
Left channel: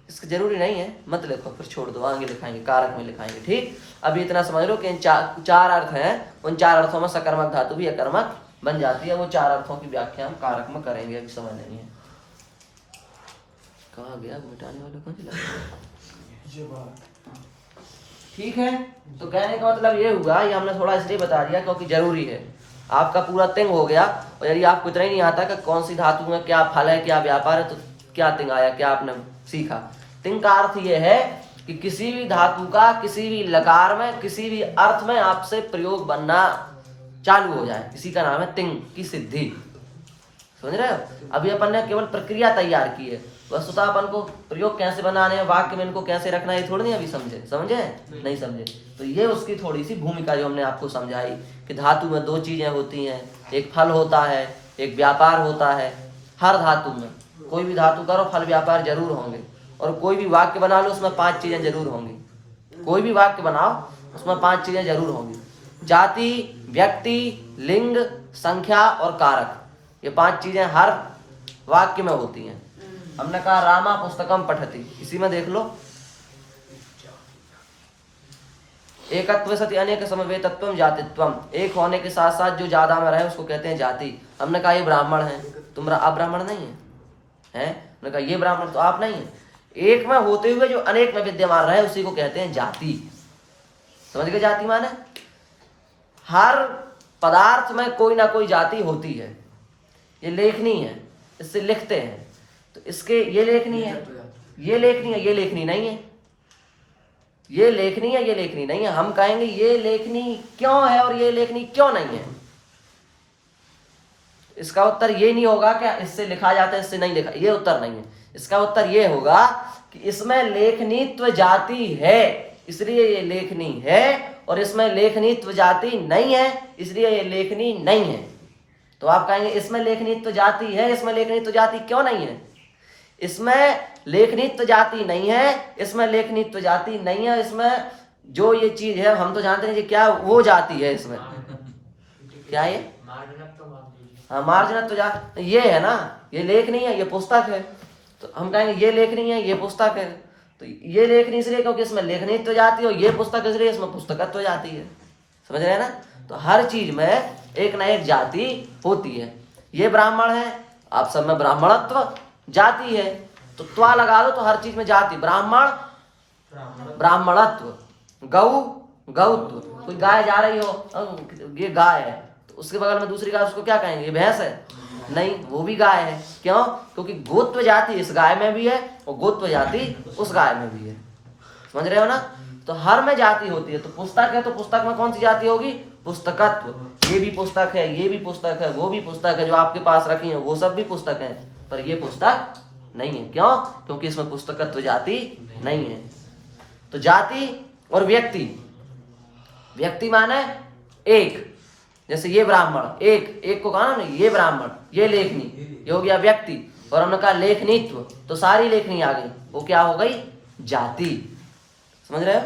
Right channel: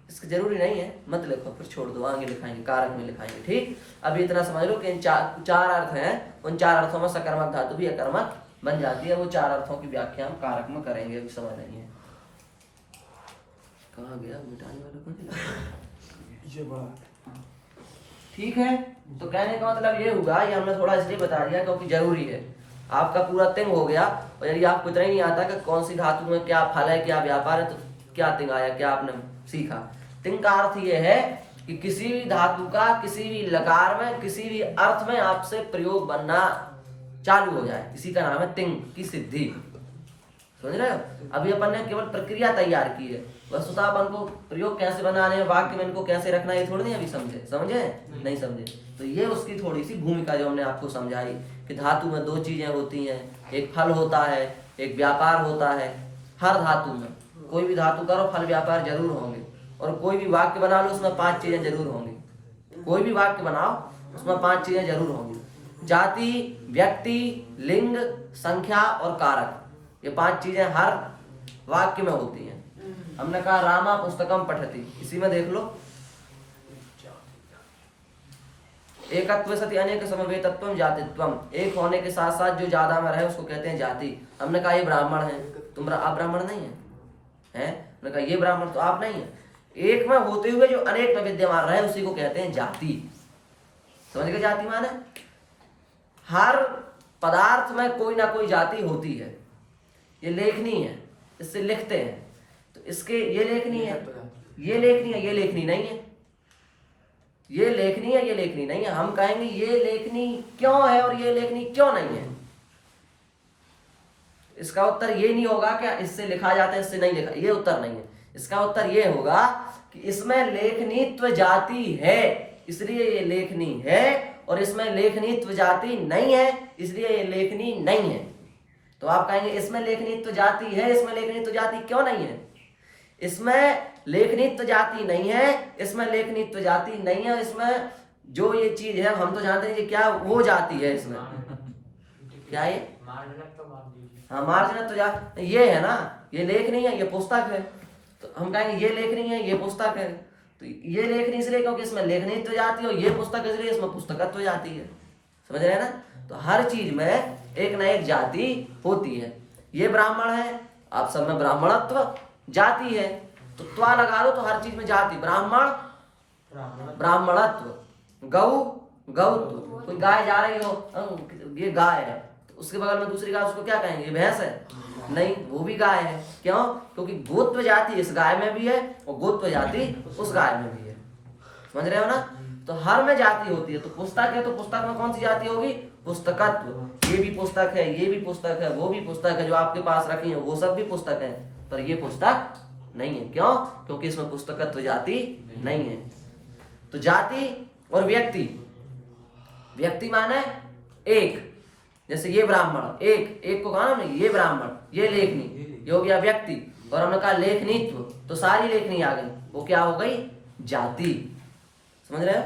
इसकी जरूरी नहीं है, मत लिखो, फिर छोड़ दो, आगे लिखाएंगे, कारक में लिखाएंगे। ठीक? अभी इतना समझ लो कि इन 4 अर्थ हैं, उन 4 अर्थों में सकर्मक धातु भी अकर्मक बन जाती है। वो 4 अर्थों की व्याख्या हम कारक में करेंगे, अभी समय नहीं है। कहाँ गया मिटाने वाला? कौन चला? ठीक है, तो कहने का मतलब ये हुआ, ये हमने थोड़ा इसलिए बता दिया क्योंकि जरूरी है। आपका पूरा तिंग हो गया, और यदि आपको इतना ही नहीं आता कि कौन सी धातु में क्या फल है, क्या व्यापार है, तो क्या तिंग आया, क्या आपने सीखा? तिंग का अर्थ ये है कि किसी भी धातु का किसी भी लकार में किसी भी अर्थ में आपसे प्रयोग बनना चालू हो जाए, इसी का नाम है तिंग की सिद्धि। समझ रहे हो? अभी अपन ने केवल प्रक्रिया तैयार की है, वस्तुतः अपन को प्रयोग कैसे बनाने हैं, वाक्य में इनको कैसे रखना है, ये थोड़ी नहीं अभी समझे नहीं समझे। तो ये उसकी थोड़ी सी भूमिका जो हमने आपको समझाई कि धातु में 2 चीजें होती हैं, एक फल होता है, एक व्यापार होता है। हर धातु में कोई भी धातु करो, फल व्यापार जरूर होंगे, और कोई भी वाक्य बना लो उसमें 5 चीजें जरूर होंगी। कोई भी वाक्य बनाओ उसमें 5 चीजें जरूर होंगी। जाति, व्यक्ति, लिंग, संख्या और कारक, ये 5 चीजें हर वाक्य में होती हैं। हमने कहा रामा पुस्तकम पठति, इसी में देख लो, एकत्व सति अनेक समवेतत्वम जातित्वम, एक होने के साथ साथ जो ज्यादा में रहे उसको कहते हैं जाति। हमने कहा ये ब्राह्मण है, तुम आप ब्राह्मण नहीं है, हमने कहा ये ब्राह्मण तो आप नहीं है। एक में होते हुए जो अनेक में विद्यमान रहे उसी को कहते हैं जाति। समझ गए? जाति माने हर पदार्थ में कोई ना कोई जाति होती है। ये लेखनी है, इससे लिखते हैं, तो इसके ये लेखनी है, ये लेखनी है, ये लेखनी नहीं है, ये लेखनी है, ये लेखनी नहीं है। हम कहेंगे ये लेखनी क्यों है और ये लेखनी क्यों नहीं है। इसका उत्तर ये नहीं होगा कि इससे लिखा जाता है इससे नहीं लिखा, ये उत्तर नहीं है। इसका उत्तर ये होगा कि इसमें लेखनीत्व जाति है इसलिए ये लेखनी है, और इसमें लेखनीत्व जाति नहीं है इसलिए ये लेखनी नहीं है। तो आप कहेंगे इसमें लेखनीत्व जाति है, इसमें लेखनीत्व जाति क्यों नहीं है? इसमें लेखनीत्व जाति नहीं है, इसमें लेखनीत्व जाति नहीं है, इसमें जो ये चीज है हम तो जानते हैं क्या वो जाति है इसमें। क्या है? हाँ, मार्जनत्व जाति ये है ना, ये लेखनी है, ये पुस्तक है। तो हम कहेंगे ये लेखनी है, ये पुस्तक है। तो ये लेखनी इसलिए क्योंकि इसमें लेखनीत्व जाति है, और ये पुस्तक इसलिए इसमें पुस्तकत्व जाति है। समझ रहे हैं ना? तो हर चीज में एक ना एक जाति होती है। ये ब्राह्मण है, आप सब में ब्राह्मणत्व जाति है, तो त्वा लगा दो तो हर चीज में जाति। ब्राह्मण ब्राह्मणत्व, गौ गौत्व। कोई गाय जा रही हो, ये गाय है, तो उसके बगल में दूसरी गाय, उसको क्या कहेंगे? ये भैंस है? नहीं, वो भी गाय है। क्यों? क्योंकि गोत्व जाति इस गाय में भी है और गोत्व जाति उस गाय में भी है। समझ रहे हो ना? तो हर में जाति होती है। तो पुस्तक है तो पुस्तक में कौन सी जाति होगी? पुस्तकत्व। ये भी पुस्तक है, ये भी पुस्तक है, वो भी पुस्तक है, जो आपके पास रखी है वो सब भी पुस्तक है, पर ये पुस्तक नहीं है। क्यों? क्योंकि इसमें पुस्तकत्व जाति नहीं है। तो जाति और व्यक्ति, व्यक्ति माने एक, जैसे ये ब्राह्मण, एक को कहा ना ये ब्राह्मण, ये लेखनी, ये हो गया व्यक्ति। और हमने कहा लेखनीत्व, तो सारी लेखनी आ गई, वो क्या हो गई? जाति। समझ रहे हो?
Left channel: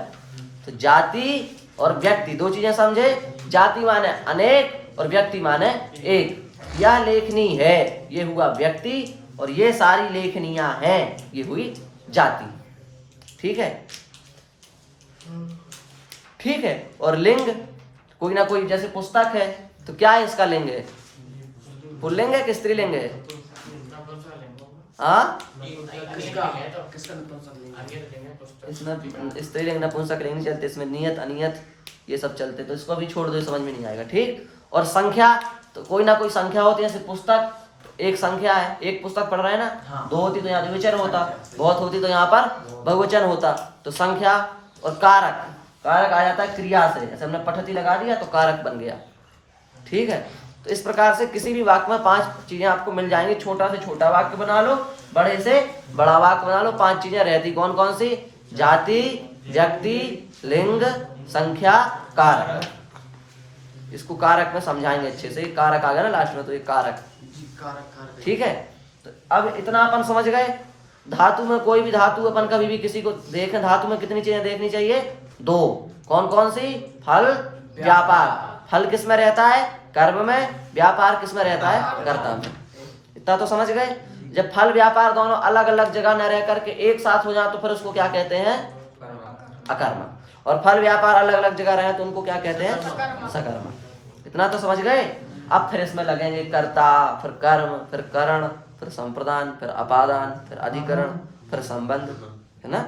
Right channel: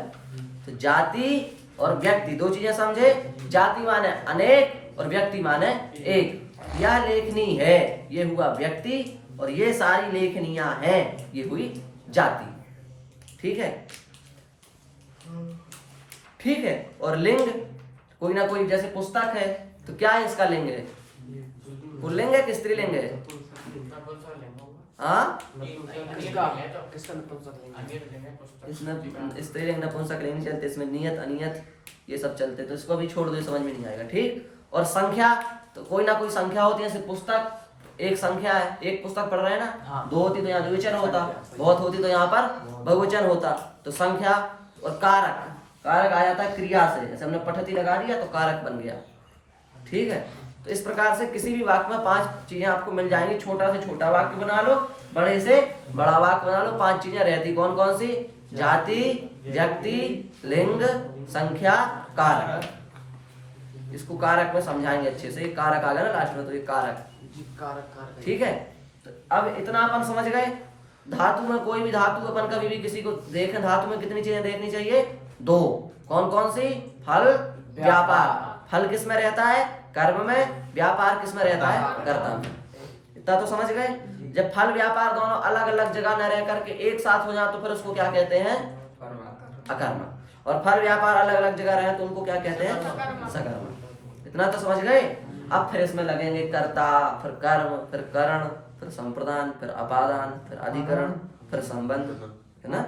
तो जाति और व्यक्ति दो चीजें समझे। जाति माने अनेक और व्यक्ति माने एक। यह लेखनी है, ये हुआ व्यक्ति, और ये सारी लेखनियां हैं, ये हुई जाति। ठीक है, ठीक है। और लिंग, कोई ना कोई, जैसे पुस्तक है तो क्या है इसका लिंग है? पुल्लिंग है कि स्त्रीलिंग है? हाँ, इसमें स्त्रीलिंग नपुंसक लिंग चलते, इसमें नियत अनियत ये सब चलते, तो इसको भी छोड़ दो, समझ में नहीं आएगा। ठीक। और संख्या, तो कोई ना कोई संख्या होती है, जैसे पुस्तक एक संख्या है, एक पुस्तक पढ़ रहे हैं ना। हाँ। दो होती तो यहाँ द्विवचन होता, बहुत होती तो यहाँ पर बहुवचन होता। तो संख्या और कारक, कारक आ जाता है क्रिया से, जैसे हमने पठती लगा दिया तो कारक बन गया। ठीक है, तो इस प्रकार से किसी भी वाक्य में 5 चीजें आपको मिल जाएंगी। छोटा से छोटा वाक्य बना लो, बड़े से बड़ा वाक्य बना लो, 5 चीजें रहती। कौन कौन सी? जाति, व्यक्ति, लिंग, संख्या, कारक। इसको कारक में समझाएंगे अच्छे से। कारक आ गया ना लास्ट में, तो ये कारक। ठीक है, तो अब इतना अपन समझ गए। धातु में कोई भी धातु अपन कभी भी किसी को देखें, धातु में कितनी चीजें देखनी चाहिए? 2। कौन कौन सी? फल, व्यापार। फल किस में रहता है? कर्म में। व्यापार किस में रहता है? कर्ता में। इतना तो समझ गए। जब फल व्यापार दोनों अलग अलग जगह न रह करके एक साथ हो जाए तो फिर उसको क्या कहते हैं? अकर्म। और फल व्यापार अलग अलग जगह रहे तो उनको क्या कहते हैं? सकर्म। इतना तो समझ गए। अब फिर इसमें लगेंगे कर्ता, फिर कर्म, फिर करण, फिर संप्रदान, फिर अपादान, फिर अधिकरण, फिर संबंध, है ना।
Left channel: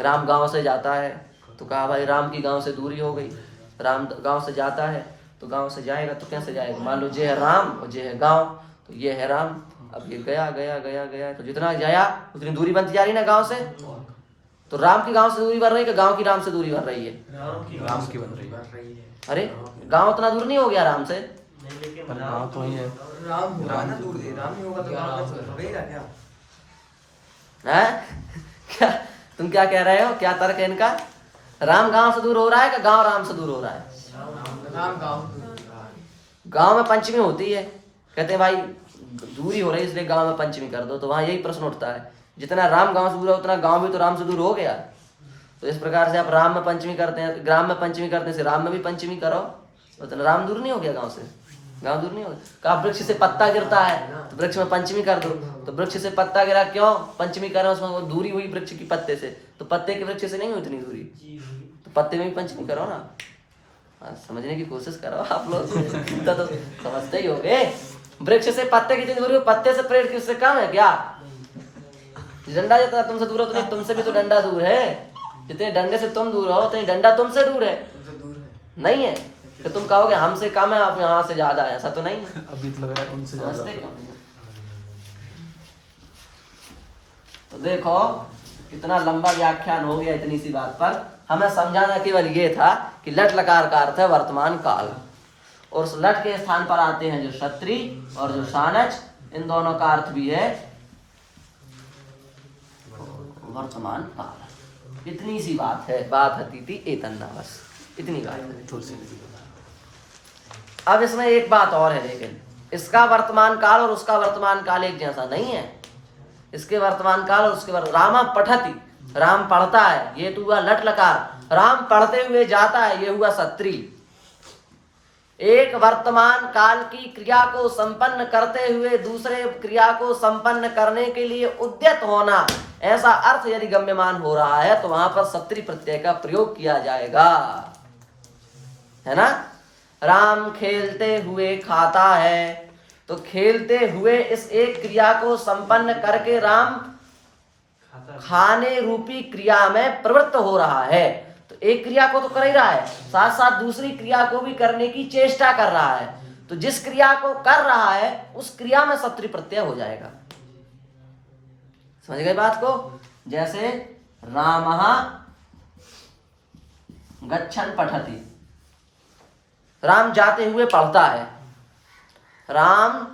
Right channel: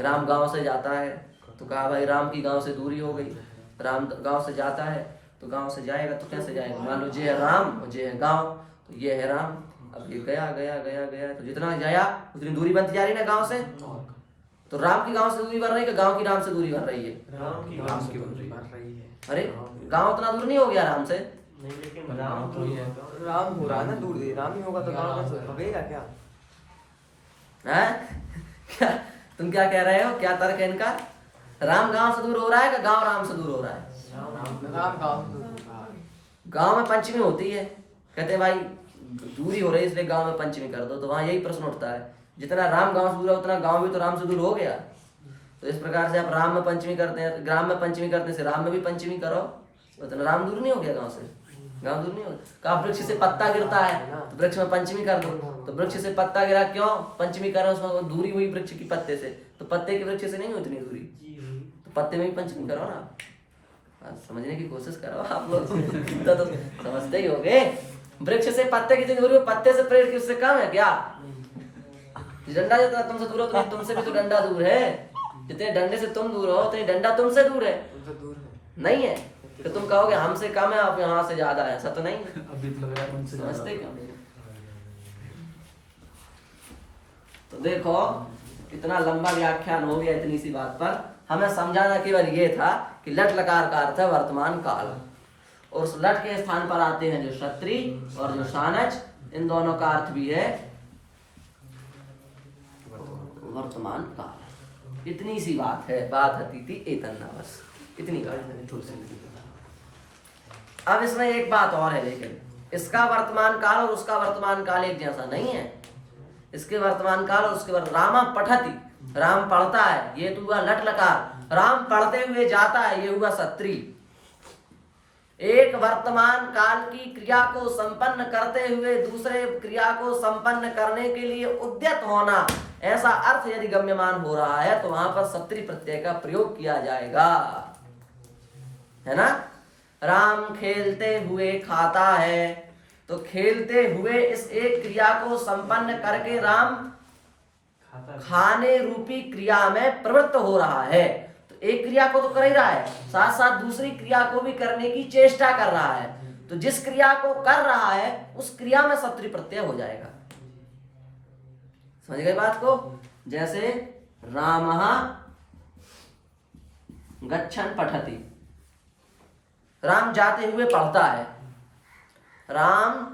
राम गांव से जाता है तो कहा भाई राम की गांव से दूरी हो गई। राम गांव से जाता है तो गांव से जाएगा तो कैसे जाएगा? मान लो ये है राम और ये है गांव, तो ये है राम। अब ये गया गया गया गया तो जितना जाया उतनी दूरी बनती जा रही ना गांव से। तो राम की गांव से दूरी बढ़ रही है कि गांव की राम से दूरी बढ़ रही है? राम की बन रही है। अरे गांव उतना दूर नहीं हो गया राम से। नहीं, लेकिन गाँव तो ही है। राम हो रहा है ना दूर से, राम नहीं होगा तो गाँव कैसे रहेगा क्या? हैं? क्या तुम क्या कह रहे हो? क्या तर्क है इनका? राम गांव से दूर हो रहा है कि गांव राम से दूर हो रहा है? गांव में पंचमी होती है, कहते हैं भाई दूरी हो रही है इसलिए गांव में पंचमी कर दो। तो वहां यही प्रश्न उठता है, जितना राम गांव से दूर है उतना गांव भी तो राम से दूर हो गया। तो इस प्रकार से आप राम में पंचमी करते हैं, ग्राम में पंचमी करते हैं, राम में भी पंचमी करो, तो राम दूर नहीं हो गया गांव से? गांव दूर नहीं हो गया। कहा वृक्ष से पत्ता गिरता है तो वृक्ष में पंचमी कर दो, तो वृक्ष से पत्ता गिरा, क्यों पंचमी कर रहे हो? उसमें वो दूरी हुई वृक्ष की पत्ते से, तो पत्ते के वृक्ष से नहीं हुई उतनी दूरी, तो पत्ते में भी पंचमी करो ना। समझने की कोशिश करो आप लोग, तो समझते ही होगे। वृक्ष से पत्ते की जितनी दूरी, पत्ते से पेड़ किससे कम है क्या? डंडा जितना तुमसे दूर हो उतना तुमसे भी तो डंडा दूर है। जितने डंडे से तुम दूर हो उतने डंडा तुमसे दूर है। नहीं है तो तुम कहोगे हमसे कम है, आप यहाँ से ज्यादा है, ऐसा तो नहीं है। अभी तो लग रहा है उनसे ज्यादा। समझते क्यों नहीं? तो देखो इतना लंबा व्याख्यान हो गया इतनी सी बात पर। हमें समझाना केवल ये था कि लट लकार का अर्थ है वर्तमान काल, और उस लट के स्थान पर आते हैं जो क्षत्रि और जो सानच, इन दोनों का अर्थ भी है वर्तमान काल। इतनी सी बात है। बात हती थी एतन्ना, बस इतनी बात है। अब इसमें एक बात और है, लेकिन इसका वर्तमान काल और उसका वर्तमान काल एक जैसा नहीं है। इसके वर्तमान काल और उसके रामा पठती, राम पढ़ता है, ये तो हुआ लट लकार। राम पढ़ते हुए जाता है, ये हुआ क्षत्रि। एक वर्तमान काल की क्रिया को संपन्न करते हुए दूसरे क्रिया को संपन्न करने के लिए उद्यत होना, ऐसा अर्थ यदि गम्यमान हो रहा है तो वहां पर क्षत्रि प्रत्यय का प्रयोग किया जाएगा, है ना। राम खेलते हुए खाता है, तो खेलते हुए इस एक क्रिया को संपन्न करके राम खाने रूपी क्रिया में प्रवृत्त हो रहा है। तो एक क्रिया को तो कर ही रहा है, साथ साथ दूसरी क्रिया को भी करने की चेष्टा कर रहा है। तो जिस क्रिया को कर रहा है उस क्रिया में क्षत्रि प्रत्यय हो जाएगा। समझ गए बात को? जैसे रामः गच्छन् पठति, राम जाते हुए पढ़ता है। राम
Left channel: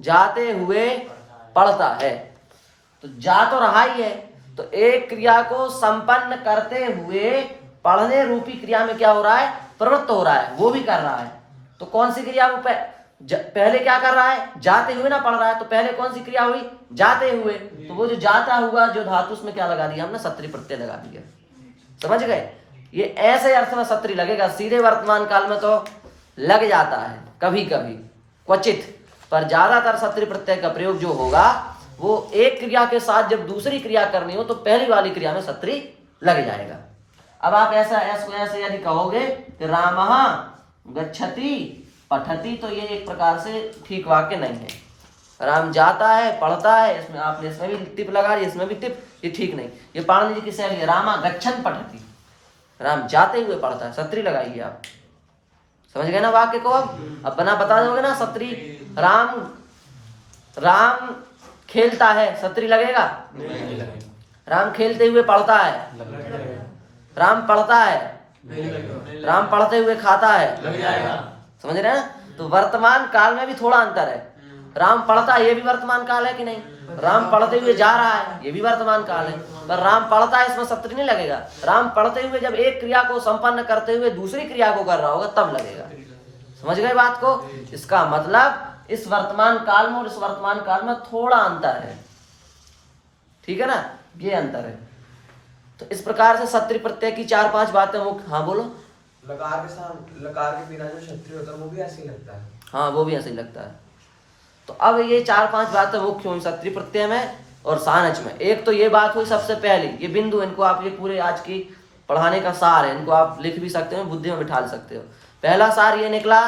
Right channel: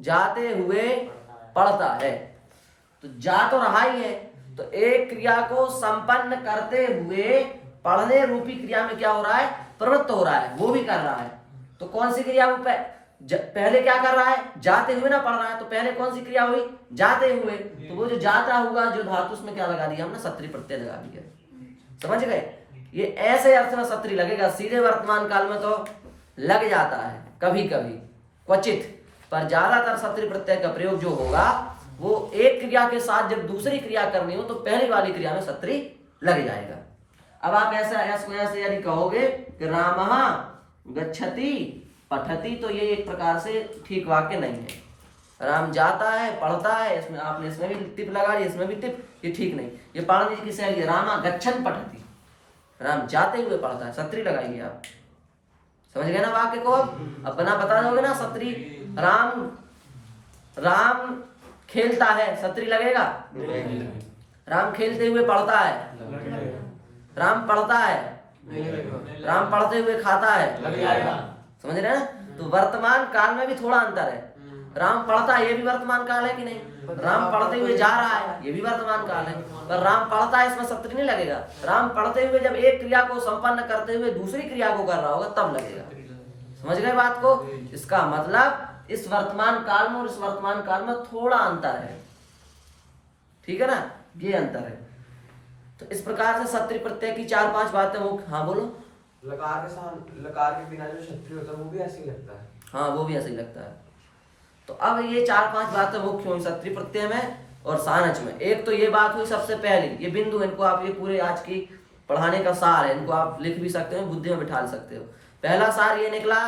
जाते हुए पढ़ता है, तो जा तो रहा ही है, तो एक क्रिया को संपन्न करते हुए पढ़ने रूपी क्रिया में क्या हो रहा है? प्रवृत्त हो रहा है, वो भी कर रहा है। तो कौन सी क्रिया पहले क्या कर रहा है, जाते हुए ना पढ़ रहा है, तो पहले कौन सी क्रिया हुई, जाते हुए। तो वो जो जाता हुआ जो धातु उसमें क्या लगा दिया हमने, सत्री प्रत्यय लगा दिया। समझ गए? ये ऐसे अर्थ में सत्री लगेगा, सीधे वर्तमान काल में तो लग जाता है कभी कभी क्वचित, पर ज्यादातर सत्री प्रत्यय का प्रयोग जो होगा वो एक क्रिया के साथ जब दूसरी क्रिया करनी हो तो पहली वाली क्रिया में सत्री लग जाएगा। अब आप ऐसे यदि कहोगे कि रामः गच्छति पठति, तो ये एक प्रकार से ठीक वाक्य नहीं है। राम जाता है, पढ़ता है, इसमें आपने इसमें भी टिप लगा दी, इसमें भी टिप, ये ठीक नहीं। ये पाणिनि जी की शैली है, रामा गच्छन् पठति, राम जाते हुए पढ़ता है, सत्री लगाइए आप। समझ गए ना वाक्य को? अब बना बता जाओगे ना सत्री। राम खेलता है, सत्री लगेगा? राम खेलते हुए पढ़ता है, राम पढ़ता है, राम पढ़ते हुए खाता है। समझ रहे हैं ना? तो वर्तमान काल में भी थोड़ा अंतर है। राम पढ़ता है, ये भी वर्तमान काल है कि नहीं? राम पढ़ते हुए जा रहा है, ये भी वर्तमान काल है, पर राम पढ़ता है इसमें सत्री नहीं लगेगा। राम पढ़ते हुए जब एक क्रिया को संपन्न करते हुए दूसरी क्रिया को कर रहा होगा तब लगेगा। समझ गए बात को? इसका मतलब इस वर्तमान काल में और इस वर्तमान काल में थोड़ा अंतर है, ठीक है ना? ये अंतर है। तो इस प्रकार से सत्री प्रत्यय की 4-5 बातें मुख्य। हाँ बोलो। लकार के साथ, लकार के बिना जो क्षत्रिय होता है वो भी ऐसे ही लगता है। हाँ वो भी ऐसे ही लगता है। तो अब ये 4-5 बातें मुख्य हुई सत्री प्रत्यय में और सानच में। एक तो ये बात हुई सबसे पहली, ये बिंदु, इनको आप, ये पूरे आज की पढ़ाने का सार है, इनको आप लिख भी सकते हो, बुद्धि में बिठा सकते हो। पहला सार ये निकला,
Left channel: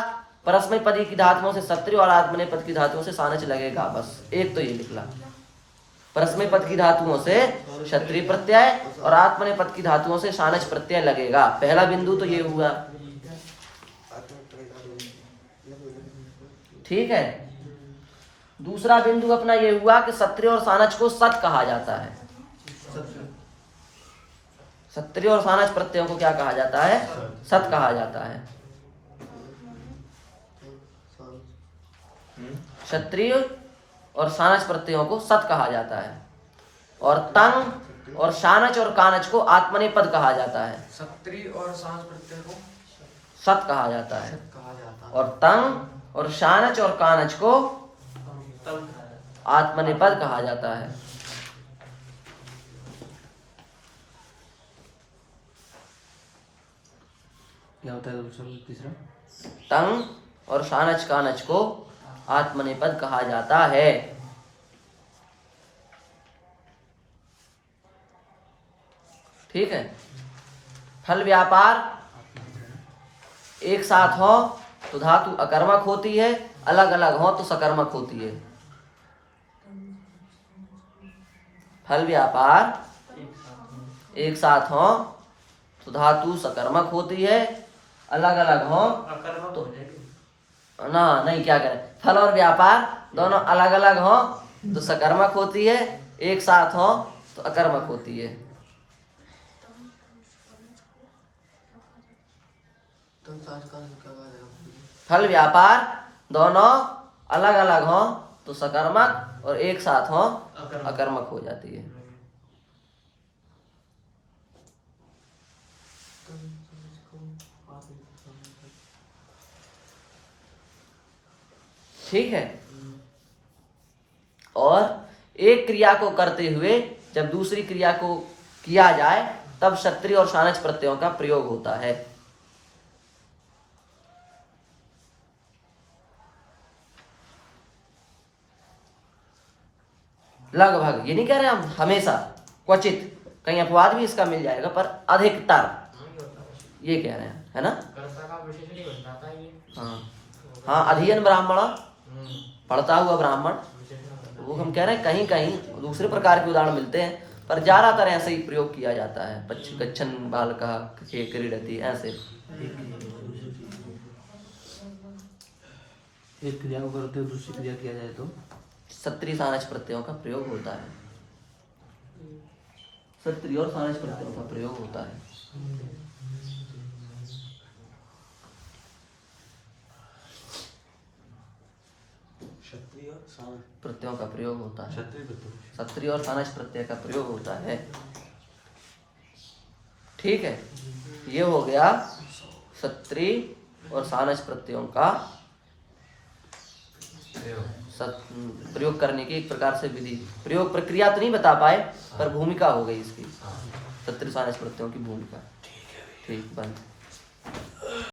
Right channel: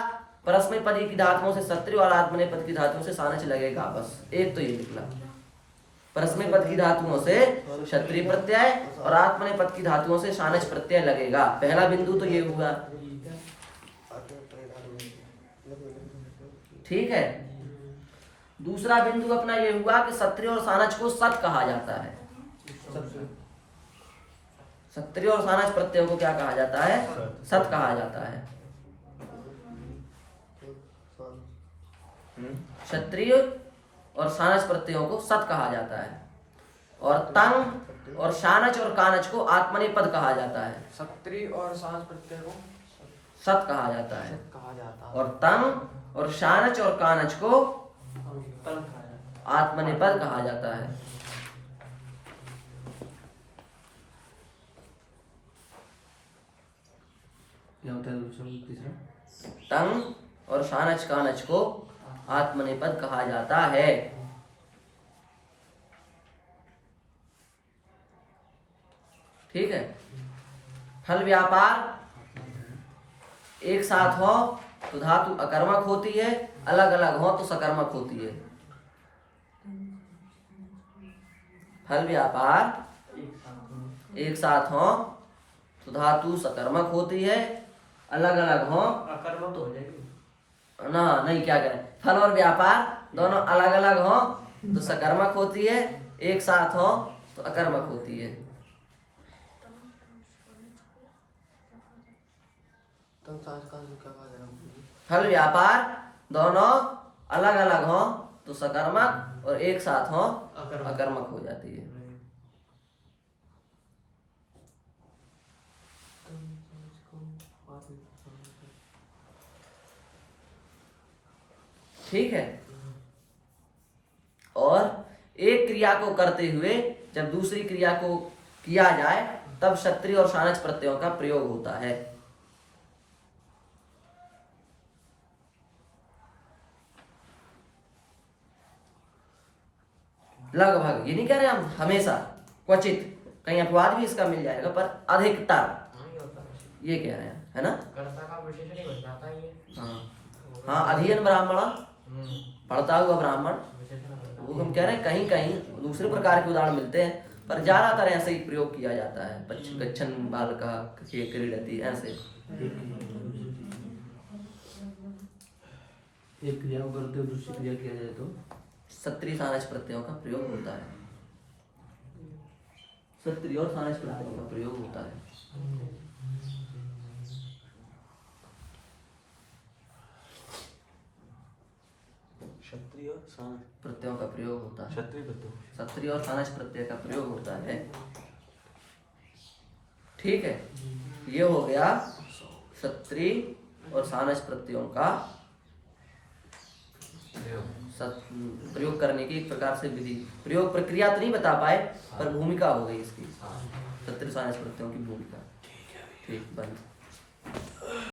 परस्मैपदी की धातुओं से सत्री और आत्मनेपद की धातुओं से सानच लगेगा, बस एक तो ये निकला। परस्मैपद की धातुओं से क्षत्रिय प्रत्यय और आत्मनेपद की धातुओं से सानच प्रत्यय लगेगा। पहला बिंदु तो ये हुआ, ठीक है। दूसरा बिंदु अपना ये हुआ कि सत्रिय और सानच को सत कहा जाता है। सत्रिय और सानच प्रत्ययों को क्या कहा जाता है? सत कहा जाता है। क्षत्रिय और सानच प्रत्ययों को सत कहा जाता है, और तंग और सानच और कानच को आत्मनेपद कहा जाता है। सत्री और सांस प्रत्यय को सत कहा जाता है, कहा जाता है, और तंग और सानच और कानच को आत्मनेपद कहा जाता है। क्या होता है तीसरा? तंग और सानच कानच को आत्मनेपद कहा जाता है। ठीक है। फल व्यापार एक साथ हो तो धातु अकर्मक होती है, अलग अलग हो तो सकर्मक होती है। फल व्यापार एक साथ हो तो धातु सकर्मक होती है, अलग अलग हो अकर्मक हो जाएगी ना, नहीं क्या करें, फल और व्यापार दोनों अलग अलग हो तो सकर्मक होती है, एक साथ हो तो अकर्मक होती है। फल व्यापार दोनों अलग अलग हो तो सकर्मक और एक साथ हो अकर्मक हो जाती है। ठीक है। और एक क्रिया को करते हुए जब दूसरी क्रिया को किया जाए तब क्षत्रिय और सानच प्रत्ययों का प्रयोग होता है। लगभग, ये नहीं कह रहे हम हमेशा, क्वचित कहीं अपवाद भी इसका मिल जाएगा, पर अधिकतर ये कह रहे हैं, है ना? कर्ता का विशेषण ही बन जाता है ये। हाँ हाँ, अधीन ब्राह्मण, पढ़ता हुआ ब्राह्मण, वो हम कह रहे हैं कहीं कहीं दूसरे प्रकार के उदाहरण मिलते हैं, पर ज्यादातर ऐसे ही प्रयोग किया जाता है। गच्छन बालकः क्रीडति, ऐसे। एक क्रिया को करते हुए दूसरी क्रिया किया जाए तो सत्री सानच प्रत्ययों का प्रयोग होता है। सत्री और सानच प्रत्ययों का प्रयोग होता है। प्रत्ययों का प्रयोग होता है, सत्री और सानच प्रत्यय का प्रयोग होता है। ठीक है, ये हो गया सत्री और सानच प्रत्ययों का प्रयोग करने की एक प्रकार से विधि, प्रयोग प्रक्रिया तो नहीं बता पाए पर भूमिका हो गई इसकी, तत्रिशान स्मृतियों की भूमिका। ठीक, बंद।